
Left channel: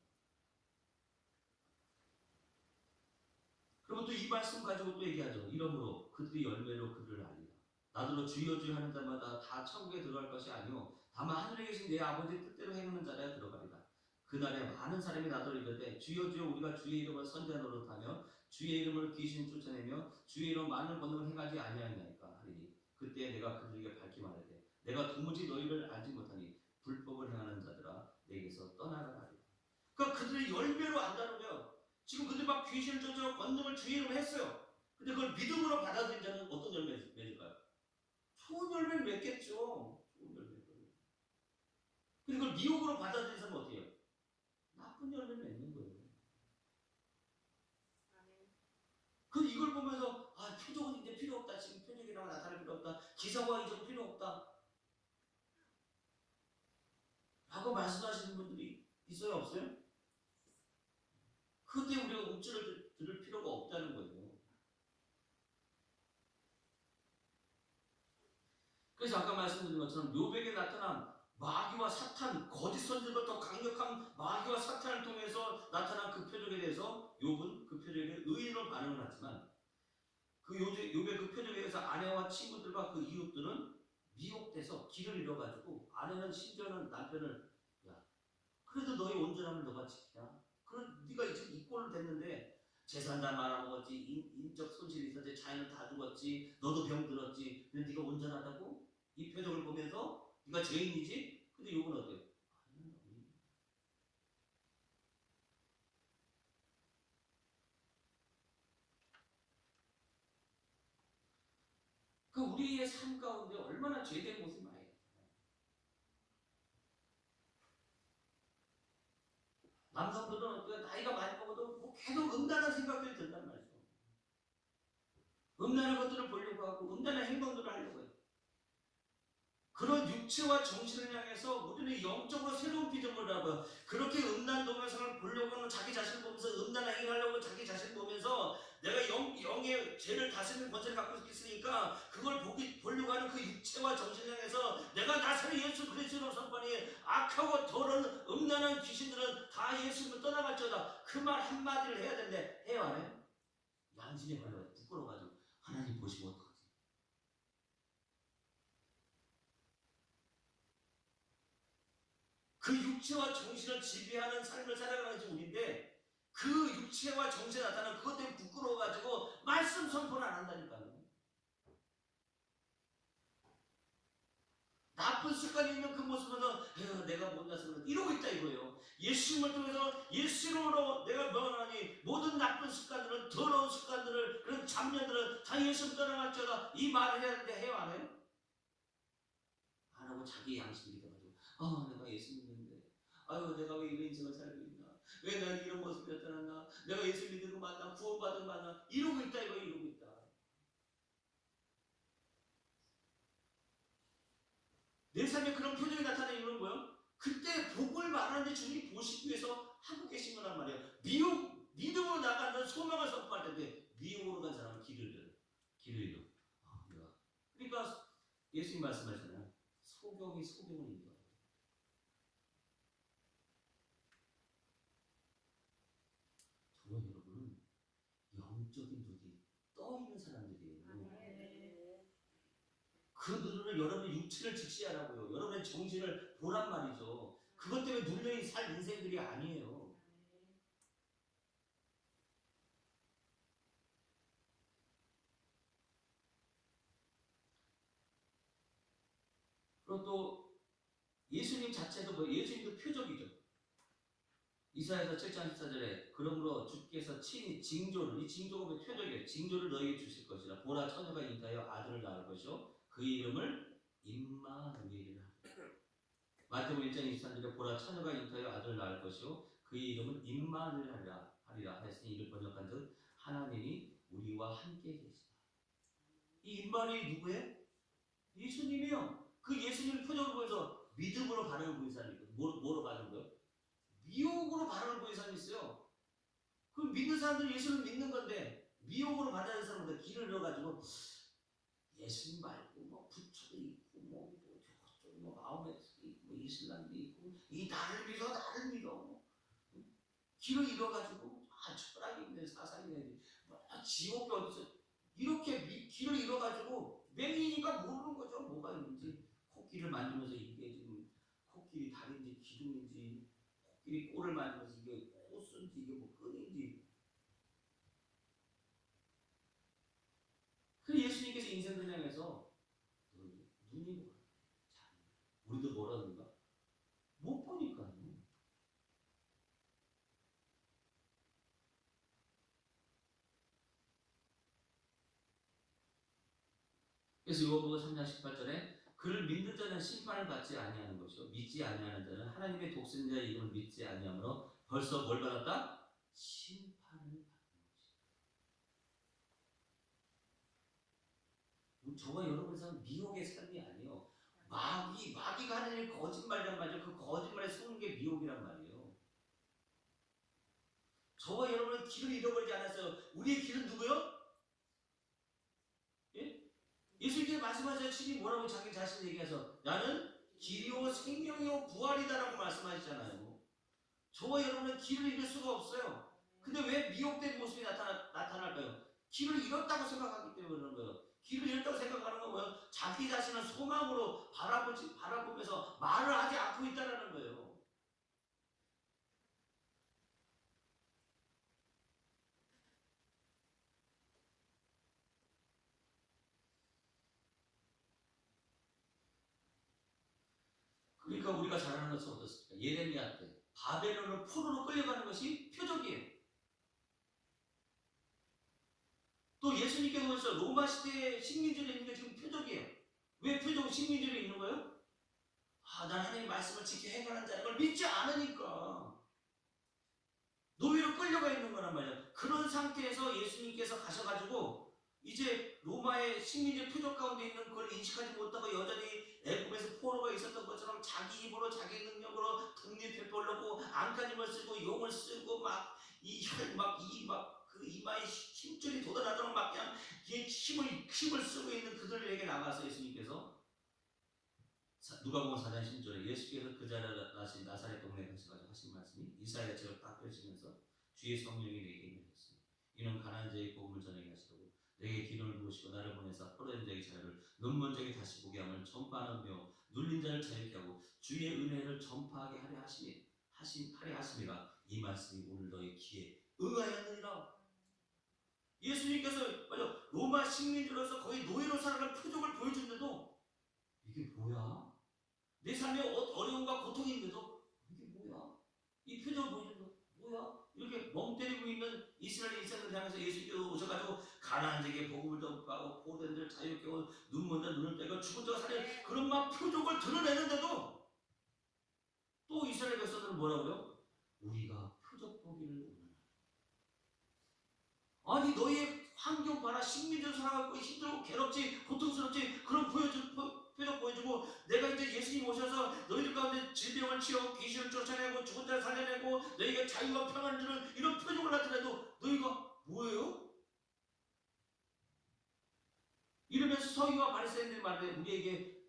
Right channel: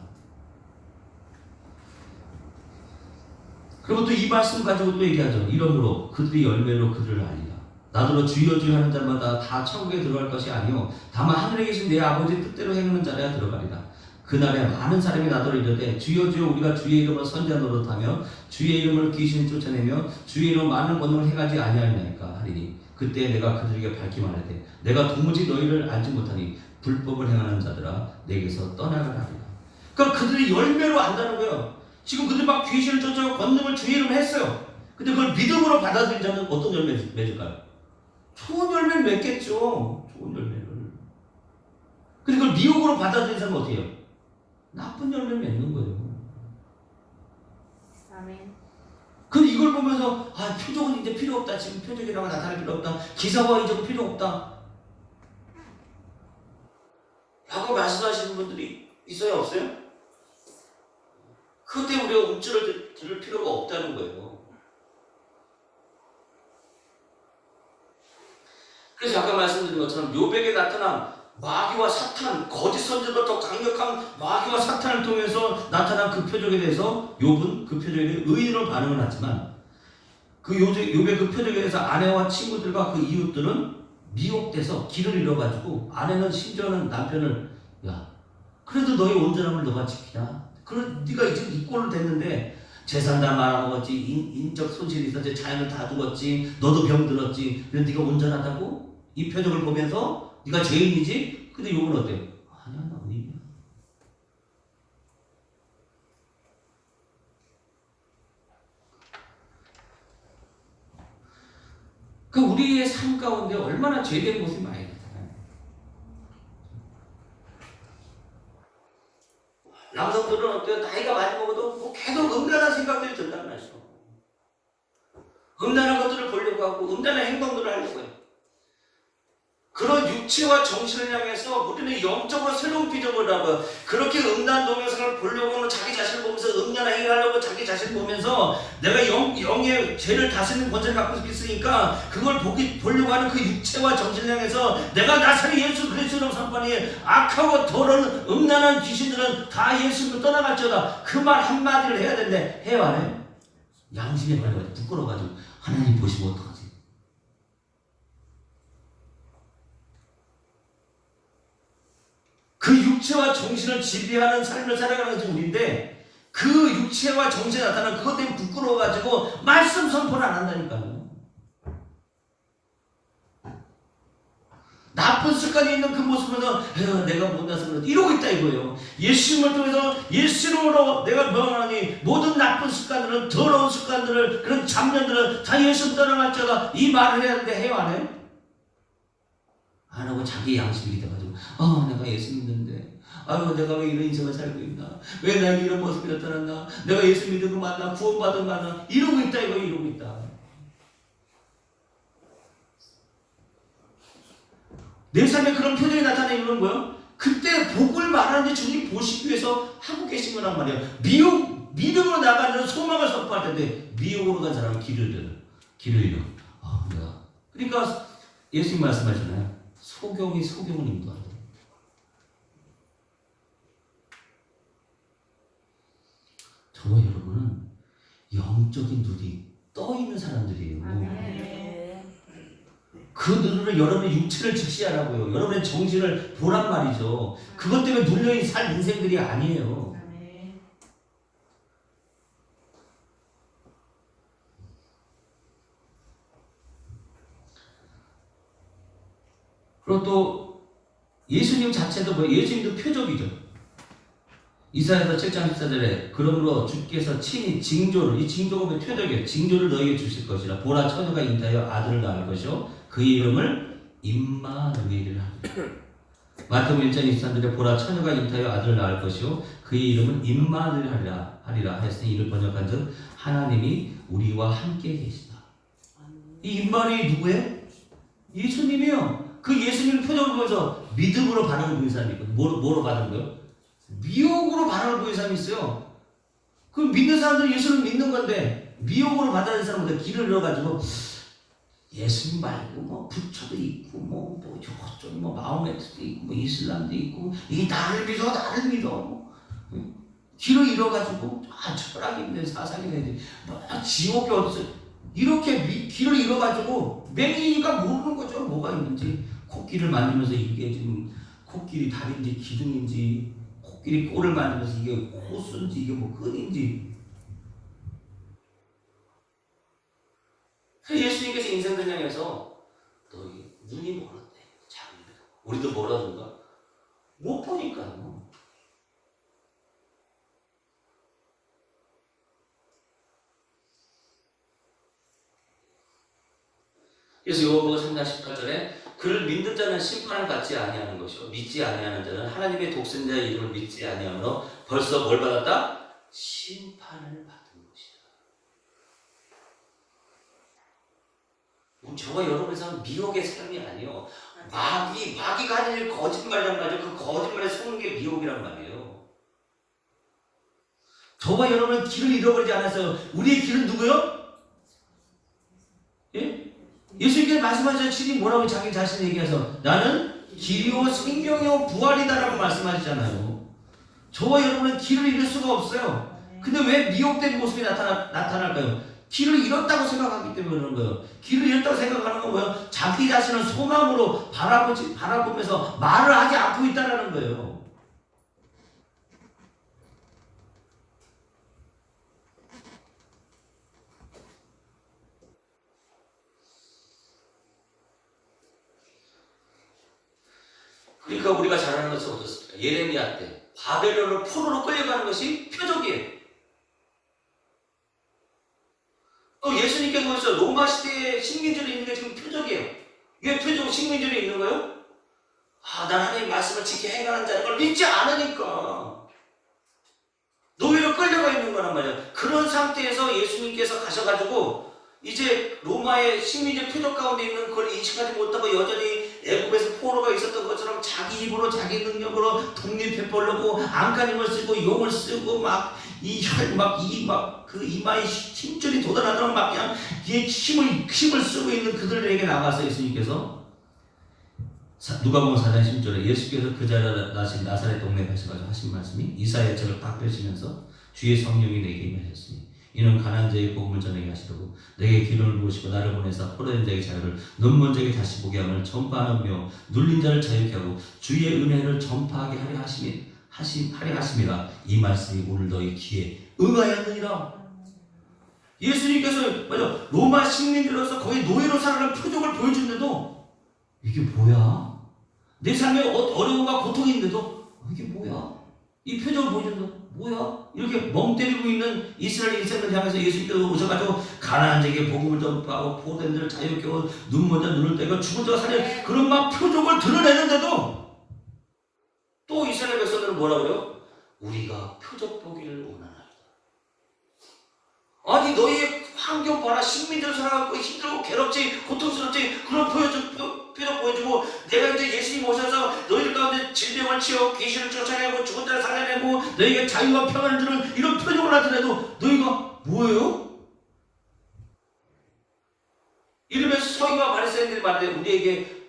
그리고 또 이 말씀 가지고 또 얘기하죠. 이러므로 그들이 열매로 그들을 알리라. 나더러 주여 주여 하는 자마다 다 천국에 들어갈 것이 아니요 다만 하늘에 계신 내 아버지의 뜻대로 행하는 자라야 들어가리라. 그날에 많은 사람이 나더러 이르되 주여 주여 우리가 주의 이름을 선지자 노릇하며 주의 이름을 귀신 쫓아내며 주의 이름 많은 권능을 행하지 아니하였나이까 하리니 그때 내가 그들에게 밝히 말하되 내가 도무지 너희를 알지 못하니 불법을 행하는 자들아 내게서 떠나가라 하리라. 그러니까 그들이 열매로 안다는 거예요. 지금 그들이 막 귀신을 쫓아고 권능을 주의 이름을 했어요. 근데 그걸 믿음으로 받아들인 자는 어떤 열매를 맺을까요? 좋은 열매를 맺겠죠. 좋은 열매를. 근데 그걸 미혹으로 받아들인 사람은 어떻게 해요? 나쁜 열매를 맺는 거예요. 아멘. 근데 이걸 보면서 아 표적은 이제 필요 없다. 지금 표적이라고 나타날 필요 없다. 기사와 이적은 필요 없다. 라고 말씀하시는 분들이 있어요? 없어요? 그때 우리가 움찔을 들을 필요가 없다는 거예요. 그래서 아까 말씀드린 것처럼 욥에게 나타난 마귀와 사탄, 거짓 선지자보다 더 강력한 마귀와 사탄을 통해서 나타난 그 표적에 대해서 욥은 그 표적에 대해 의인으로 반응을 하지만 그 욥의 그 표적에 대해서 아내와 친구들과 그 이웃들은 미혹돼서 길을 잃어가지고 아내는 심지어는 남편을 야 그래도 너의 온전함을 너가 지키냐? 그럼 네가 지금 이 꼴로 됐는데 재산 다 말아먹었지, 인적 손실이 있었지, 자연을 다 죽었지, 너도 병들었지. 근데 네가 온전하다고? 이 표적을 보면서 네가 죄인이지? 근데 욥은 어때요? 아니야 나 의인이야. 그 우리의 삶 가운데 얼마나 죄된 모습이 많이 나타나요. 남성들은 어때요? 나이가 많이 먹어도 뭐 계속 음란한 생각들이 든단 말이죠. 음란한 것들을 보려고 하고 음란한 행동들을 하려고 해요. 그런 육체와 정신을 향해서 우리는 영적으로 새로운 비전을 하고 그렇게 음란 동영상을 보려고 하는 자기 자신을 보면서 음란한 행위를 하려고 자기 자신을 보면서 내가 영의 죄를 다스리는 권세를 갖고 있으니까 그걸 보려고 하는 그 육체와 정신을 향해서 내가 나사렛 예수 그리스도로 선포하니 악하고 더러운 음란한 귀신들은 다 예수님을 떠나갈지어다. 그 말 한마디를 해야 되는데 해요 안 해요? 양심이 말해가지고 부끄러워가지고 하나님 보시면 어떡하지? 그 육체와 정신을 지배하는 삶을 살아가는 것이 우리인데 그 육체와 정신에 나타나는 그것 때문에 부끄러워가지고 말씀 선포를 안 한다니까요. 나쁜 습관이 있는 그 모습에서 내가 못나서 그런지 이러고 있다 이거예요. 예수님을 통해서 예수님으로 내가 변하니 모든 나쁜 습관들은 더러운 습관들을 그런 잡념들은 다 예수님 떠나갈지어다 이 말을 해야 하는데 해요 안 해요? 안 하고 자기 양심이 돼가지고 내가 예수 믿는데 아유 내가 왜 이런 인생을 살고 있나 왜 나에게 이런 모습이 나타났나 내가 예수 믿은 거 맞나 구원받은 거 맞나 이러고 있다 이거 이러고 있다. 내 삶에 그런 표정이 나타내는 거예요. 그때 복을 말하는지 주님 보시기 위해서 하고 계신 거란 말이에요. 믿음으로 나가는 소망을 선포할 텐데 미혹으로 간 사람은 길을 잃어. 내가 그러니까 예수님 말씀하시잖아요. 소경이 소경을 인도한다. 저와 여러분은 영적인 눈이 떠 있는 사람들이에요. 그 눈으로 여러분의 육체를 직시하라고요. 여러분의 정신을 보란 말이죠. 그것 때문에 눌려있는 살 인생들이 아니에요. 그리고 또 예수님 자체도 예수님도 표적이죠. 이사야서 7장 14절에 그러므로 주께서 친히 징조를 이 징조가 표적이에요. 징조를 너에게 주실 것이라 보라 처녀가 잉태하여 아들을 낳을 것이요 그의 이름을 임마누엘이라 하리라. 마태복음 1장 23절에 보라 처녀가 잉태하여 아들을 낳을 것이요 그의 이름은 임마누엘 하리라 하였으니 이를 번역한즉 하나님이 우리와 함께 계시다. 이 임마누엘이 누구예요? 예수님이요. 그 예수님을 표적을 보여서 믿음으로 반응을 보인 사람이 있거든요. 뭐로 받은 거예요? 미혹으로 반응을 보인 사람이 있어요. 그 믿는 사람들은 예수를 믿는 건데 미혹으로 받아들인 사람은 길을 잃어가지고 예수님 말고 뭐 부처도 있고 뭐 저쪽 뭐 마호메트도 있고 뭐 이슬람도 있고 이 나를 믿어 길을 잃어가지고 철학이 있는 사상이 있는 지옥이 어딨어 이렇게 길을 잃어가지고 맹인이가 모르는 거죠. 뭐가 있는지 코끼리를 만지면서 이게 지금 코끼리 다리인지 기둥인지 코끼리 꼬를 만지면서 이게 호수인지 이게 뭐 끈인지. 그래서 예수님께서 인생전향에서 너희 눈이 멀었대. 장님들. 우리도 멀어진가? 못 보니까. 그래서 요한복음 3장 18절에 그를 믿는 자는 심판을 받지 아니하는 것이요 믿지 아니하는 자는 하나님의 독생자의 이름을 믿지 아니하므로 벌써 뭘 받았다? 심판을 받은 것이다. 저와 여러분의 삶은 미혹의 삶이 아니에요. 마귀가 하는 일 거짓말이란 말이죠. 그 거짓말에 속는 게 미혹이란 말이에요. 저와 여러분은 길을 잃어버리지 않았어요. 우리의 길은 누구요? 예? 예수님께서 말씀하셨지 뭐라고 자기 자신을 얘기해서 나는 길이요 생명이요 부활이다라고 말씀하시잖아요. 저와 여러분은 길을 잃을 수가 없어요. 근데 왜 미혹된 모습이 나타날까요? 길을 잃었다고 생각하기 때문에 그런 거예요. 길을 잃었다고 생각하는 건 뭐예요? 자기 자신을 소망으로 바라보면서 말을 하지 않고 있다는 거예요. 그러니까 우리가 잘 아는 것은 어떻습니까? 예레미야 때 바벨론을 포로로 끌려가는 것이 표적이에요. 또 예수님께서 보셔서 로마 시대에 식민지로 있는 게 지금 표적이에요. 왜 식민지로 있는 거예요? 난 하나님의 말씀을 지켜 행하는 자는 걸 믿지 않으니까 노예로 끌려가 있는 거란 말이에요. 그런 상태에서 예수님께서 가셔가지고 이제 로마의 식민지 표적 가운데 있는 걸 인식하지 못하고 여전히 애굽에서 포로가 있었던 것처럼 자기 입으로 자기 능력으로 독립해보려고 안간힘을 쓰고 용을 쓰고 그 이마에 힘줄이 돋아나도록 막 그냥 힘을 쓰고 있는 그들에게 나가서 예수님께서 누가복음 4장 10절에 예수께서 그 자리에 나신 나사렛 동네에 가셔가지고 하신 말씀이 이사야의 책을 딱 펴시면서 주의 성령이 내게 임하셨으니 이는 가난한 자의 복음을 전하게 하시려고 내게 기름을 부으시고 나를 보내사 포로된 자의 자유를 눈먼 자에게 다시 보게 함을 전파하며 눌린 자를 자유케 하고 주의 은혜를 전파하게 하려 하심이라. 이 말씀이 오늘 너희 귀에 응하였느니라. 예수님께서 맞아 로마 식민지로서 거의 노예로 살아가는 표적을 보여주는데도 이게 뭐야? 내 삶에 어려움과 고통이 있는데도 이게 뭐야? 이 표정을 보여준다. 뭐야? 이렇게 멍 때리고 있는 이스라엘 일생을 향해서 예수님께서 오셔가지고 가난한 자에게 복음을 전파하고 포로된 자를 자유케 하고 눈먼 자 눈을 떼고 죽은 자가 살려 그런 막 표적을 드러내는데도 또 이스라엘 백성들은 뭐라 그래요? 우리가 표적 보기를 원하나이다. 아니 너희 환경 봐라. 식민지로 살아가고 힘들고 괴롭지 고통스럽지 그런 표적 보여주고 내가 이제 예수님 오셔서 너희들 가운데 질병을 치워 귀신을 쫓아내고 죽은 자를 살려내고 너희에게 자유와 평안을 주는 이런 표적을 나타내도 너희가 뭐예요? 이러면서 서기와 바리새인들이 말하되 우리에게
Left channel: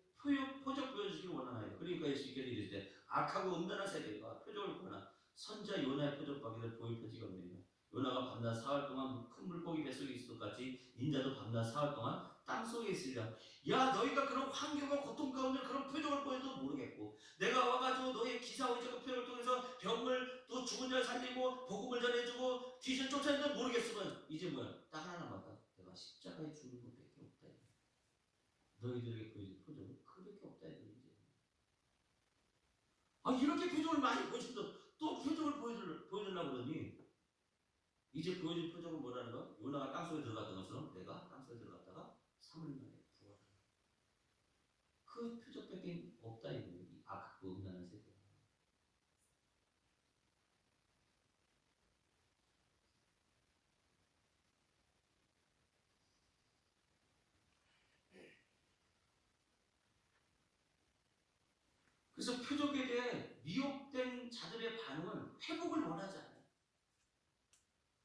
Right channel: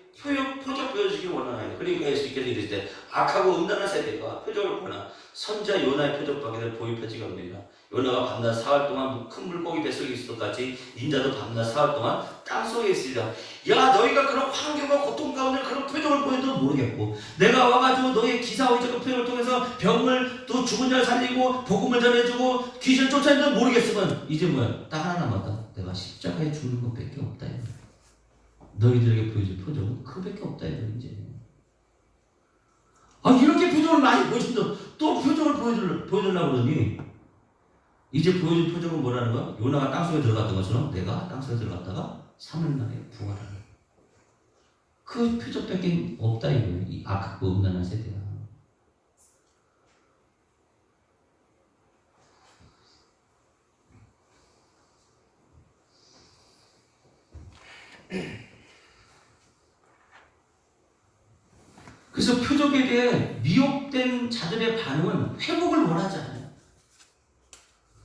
표적 보여주기를 원하나요. 그러니까 예수님께서 이르시되 악하고 음란한 세대가 표적을 보나 선자 요나의 표적밖에는 보이펴지가 없느니라. 요나가 밤낮 사흘 동안 큰 물고기 뱃속에 있을 것 같이 인자도 밤낮 사흘 동안 땅속에 있으리라. 야 너희가 그런 환경과 고통 가운데 그런 표적을 보여도 모르겠고 내가 와가지고 너희의 기사와 이적의 표적을 통해서 병을 또 죽은 자를 살리고 복음을 전해주고 귀신을 쫓아내도 모르겠으면 이제 뭐야 딱 하나 남았다. 내가 십자가에 죽는 것밖에 없다. 너희들에게 보여줄 표적은 그밖에 없다. 이제 이렇게 표적을 많이 보여준다. 또 표적을 보여주려고 그러니 이제 보여준 표적은 뭐라는 거야? 요나가 땅속에 들어갔던 것처럼 내가 땅속에 들어갔다가 3일 만에 부활하는 그 표적밖에 없다 이거예요. 이 악하고 음란한 세대야. 그래서 표적에 대해 미혹된 자들의 반응은 회복을 원하지 않아요.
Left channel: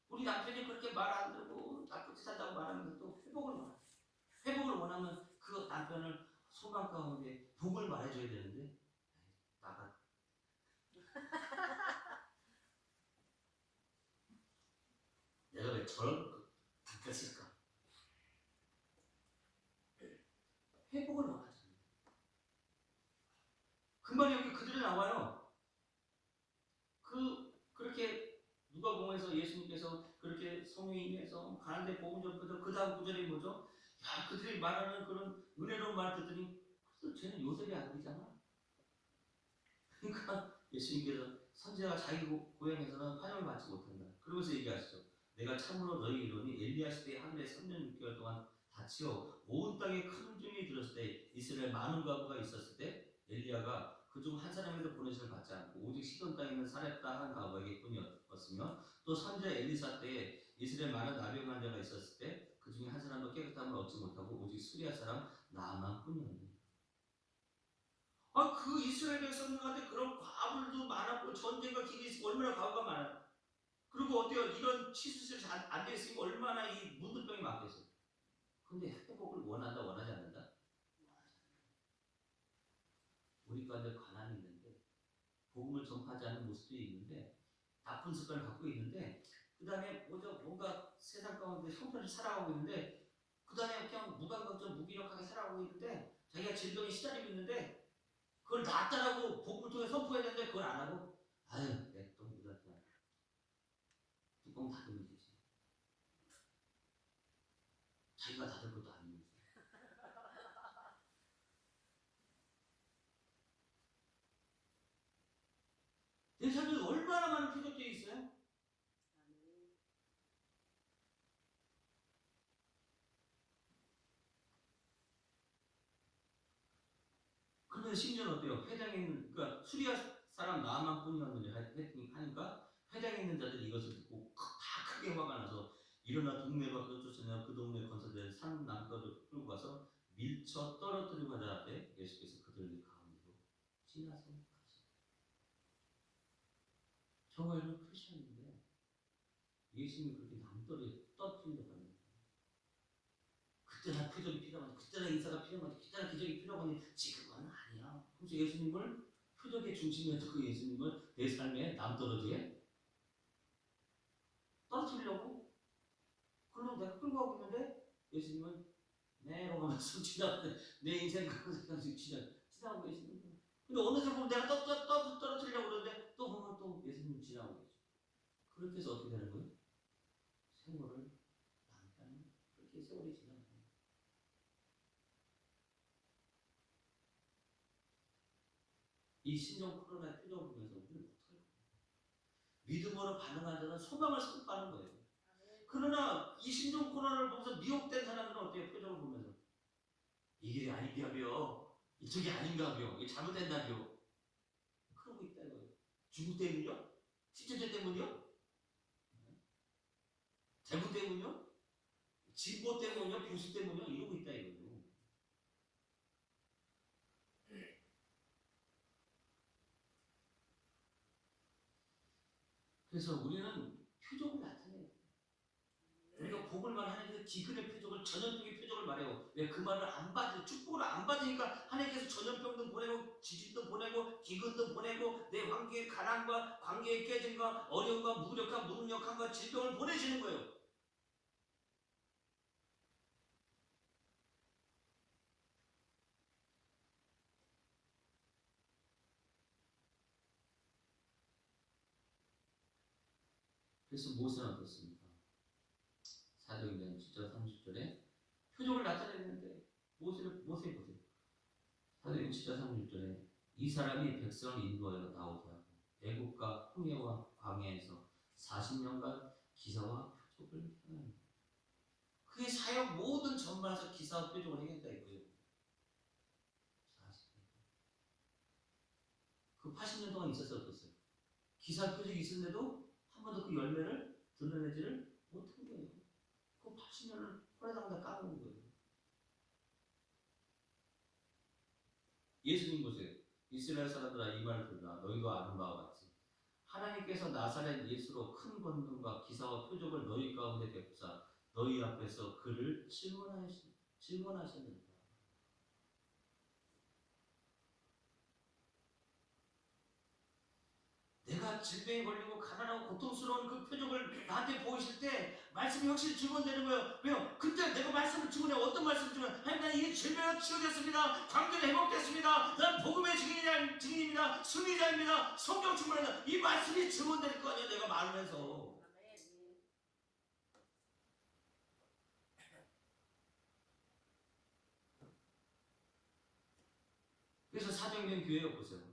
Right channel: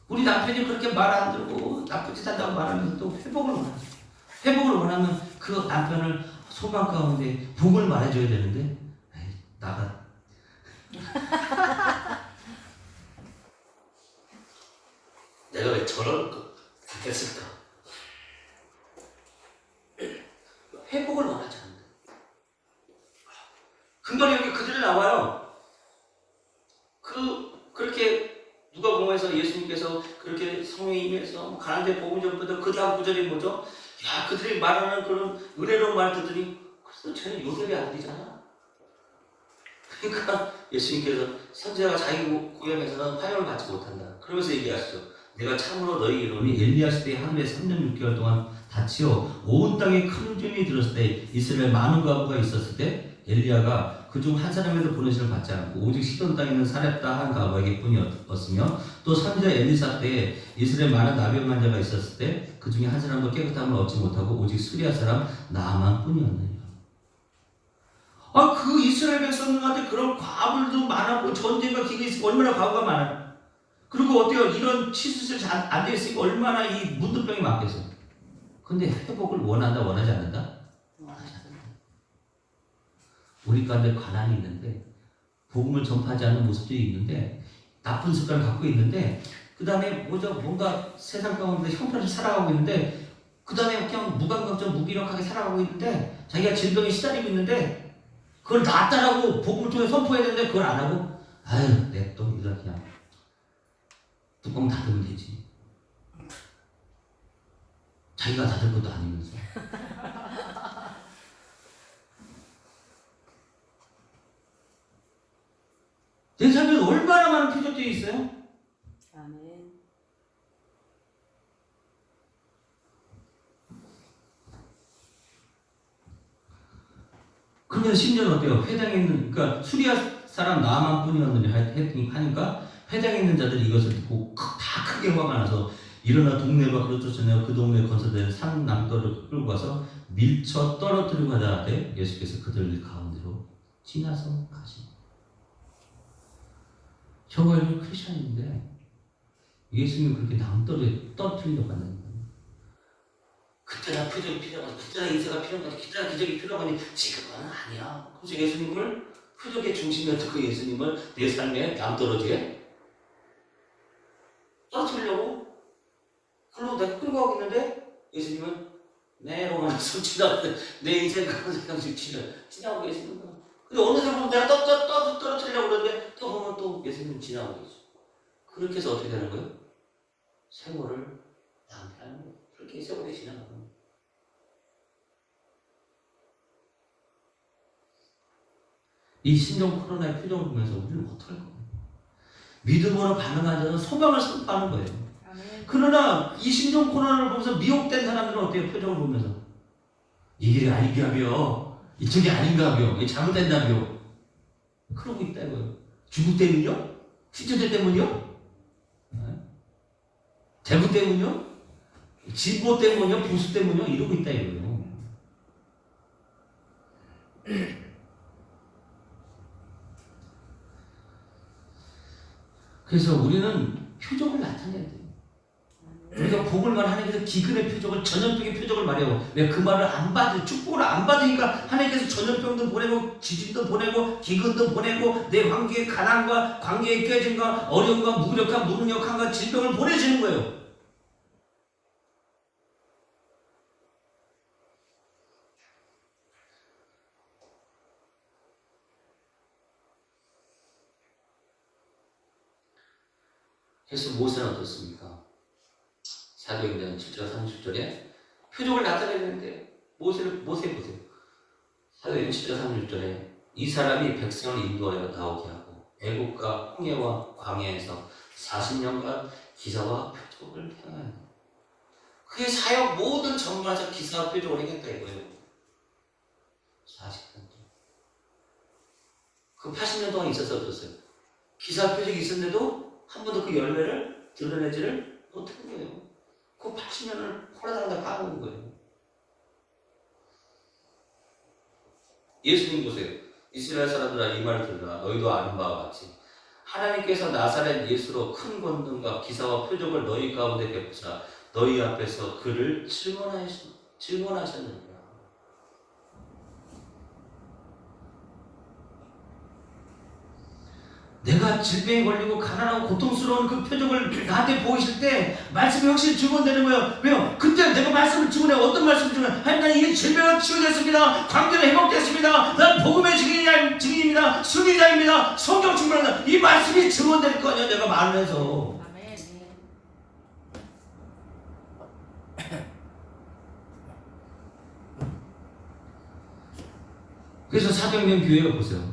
우리 남편이 그렇게 말 안 들고 나쁜 짓 한다고 말하면서 또 회복을 원하죠. 회복을 원하면 그 남편을 소망 가운데 복을 말해줘야 되는데 나가 내가 왜 저런 거 했을까? 회복을 원하지 않는다. 금방 여기 그들이 나와요. 그렇게 누가복음에서 예수님께서 그렇게 성령이 임해서 가나안 복음 전부터 그 다음 구절이 뭐죠? 야, 그들이 말하는 그런 은혜로운 말 듣더니 그래서 쟤는 요셉의 아들이잖아. 그러니까 예수님께서 선지자가 자기 고향에서는 환영을 받지 못한다. 그러면서 얘기하시죠. 내가 참으로 너희 이름이 엘리야 시대에 하늘에 3년 6개월 동안 닫히어 온 땅에 큰 음이 들었을 때 이스라엘 많은 과부가 있었을 때 엘리야가 그중 한 사람에도 보내심을 받지 않고 오직 시돈 땅에 있는 사렙다 한 과부에게 뿐이었으며 또 선지자 엘리사 때에 이스라엘 많은 나병 환자가 있었을 때 그 중에 한 사람도 깨끗함을 얻지 못하고 오직 수리아 사람 나만 뿐이었느니라. 그 이스라엘 백성들한테 그런 과부들도 많았고 전쟁과 기근이 있으니까 얼마나 과부가 많아요. 그리고 어때요? 이런 치수술 안 돼 있으니까 얼마나 이 문둥병이 많겠어요. 근데 회복을 원한다 원하지 않는다? 원하지 않는다. 우리 가운데 가난이 있는데 복음을 전파하지 않는 모습들이 있는데 나쁜 습관을 갖고 있는데 그 다음에 뭔가 세상 가운데 형편을 살아가고 있는데 그 다음에 그냥 무감각적 무기력하게 살아가고 있는데 자기가 질병에 시달리고 있는데 그걸 낫다라고 복음을 통해 선포해야 되는데 그걸 안 하고 아유 냅둬 이거 그냥 뚜껑 닫으면 되지. 자기가 닫을 것도 아니면서. 내 삶에 얼마나 많은 표적들이 있어요? 아멘. 그러면 심지어는 어때요? 회당에 있는, 그러니까 수리아 사람 나만 뿐이었느니 하니까 회당에 있는 자들이 이것을 듣고 다 크게 화가 나서 일어나 동네 밖으로 쫓아내어 그 동네 건설된 산 남도를 끌고 가서 밀쳐 떨어뜨리고 하자 때 예수께서 그들 가운데로 지나서 가시니. 저가 이런 크리스천인데 예수님이 그렇게 남도를 떨어뜨리려고 하는 거예요. 그때나 표적이 필요하고 그때나 인사가 필요하고 그때나 기적이 필요하니 지금은 아니야. 그래서 예수님을 표적의 중심이었던 그 예수님을 내 삶에 남떨어지게 떨어뜨리려고 그러고 내가 끌고 가고 있는데 예수님은 내 로마에서 지나가는데 내 인생 가운데 지나고 계시는 거야. 근데 어느 순간 내가 떨어뜨리려고 그러는데 또 보면 또 예수님 지나고 계시죠. 그렇게 해서 어떻게 되는 거예요? 세월을 낭비하는 거예요. 그렇게 세월이 지나가는 거예요. 이 신종 코로나의 표정을 보면서 우리는 어떡할 거예요? 믿음으로 반응하는 자는 소망을 선포하는 거예요. 아멘. 그러나 이 신종 코로나를 보면서 미혹된 사람들은 어때요? 표정을 보면서 이 길이 아닌가벼, 이쪽이 아닌가벼, 잘못된다벼 그러고 있다 이거예요. 중국 때문이요? 신천지 때문이요? 대부 때문이요? 진보 때문이요? 보수 때문이요? 이러고 있다 이거예요. 그래서 우리는 표적을 나타내야 돼요. 우리가 복을만 하나님께서 기근의 표적을 전염병의 표적을 말해요. 왜 그 말을 안 받을 축복을 안 받으니까 하나님께서 전염병도 보내고 지진도 보내고 기근도 보내고 내 관계의 가난과 관계의 깨짐과 어려움과 무력함 무능력함과 질병을 보내시는 거예요. 그래서 모세는 어떻습니까? 사도행전 7절 30절에 표적을 나타내야 되는데 모세 보세요. 사도행전 7절 30절에 이 사람이 백성을 인도하여 나오게 하고 애국과 홍해와 광야에서 40년간 기사와 표적을 행하여 그의 사역 모든 전반에서 기사와 표적을 행했다 이거예요. 40년 동안. 그 80년 동안 있었어 없었어요? 기사 표적이 있었는데도 한 번도 그 열매를 드러내지를 못한 거예요. 그 80년을 홀라당다 까먹은 거예요. 예수님 보세요. 이스라엘 사람들아 이 말을 들으라. 너희도 아는 바와 같이 하나님께서 나사렛 예수로 큰 권능과 기사와 표적을 너희 가운데 베푸사 너희 앞에서 그를 증언하셨느니라. 내가 질병에 걸리고 가난하고 고통스러운 그 표정을 나한테 보이실 때 말씀이 확실히 증언되는 거예요. 왜요? 그때 내가 말씀을 증언해. 어떤 말씀을 증언해? 하나님, 나는 이 질병을 치유됐습니다. 관계는 회복됐습니다. 난 복음의 증인입니다. 순위자입니다. 성경 충만합니다. 이 말씀이 증언될 거 아니야, 내가 말하면서. 그래서 사경면 교회가 보세요.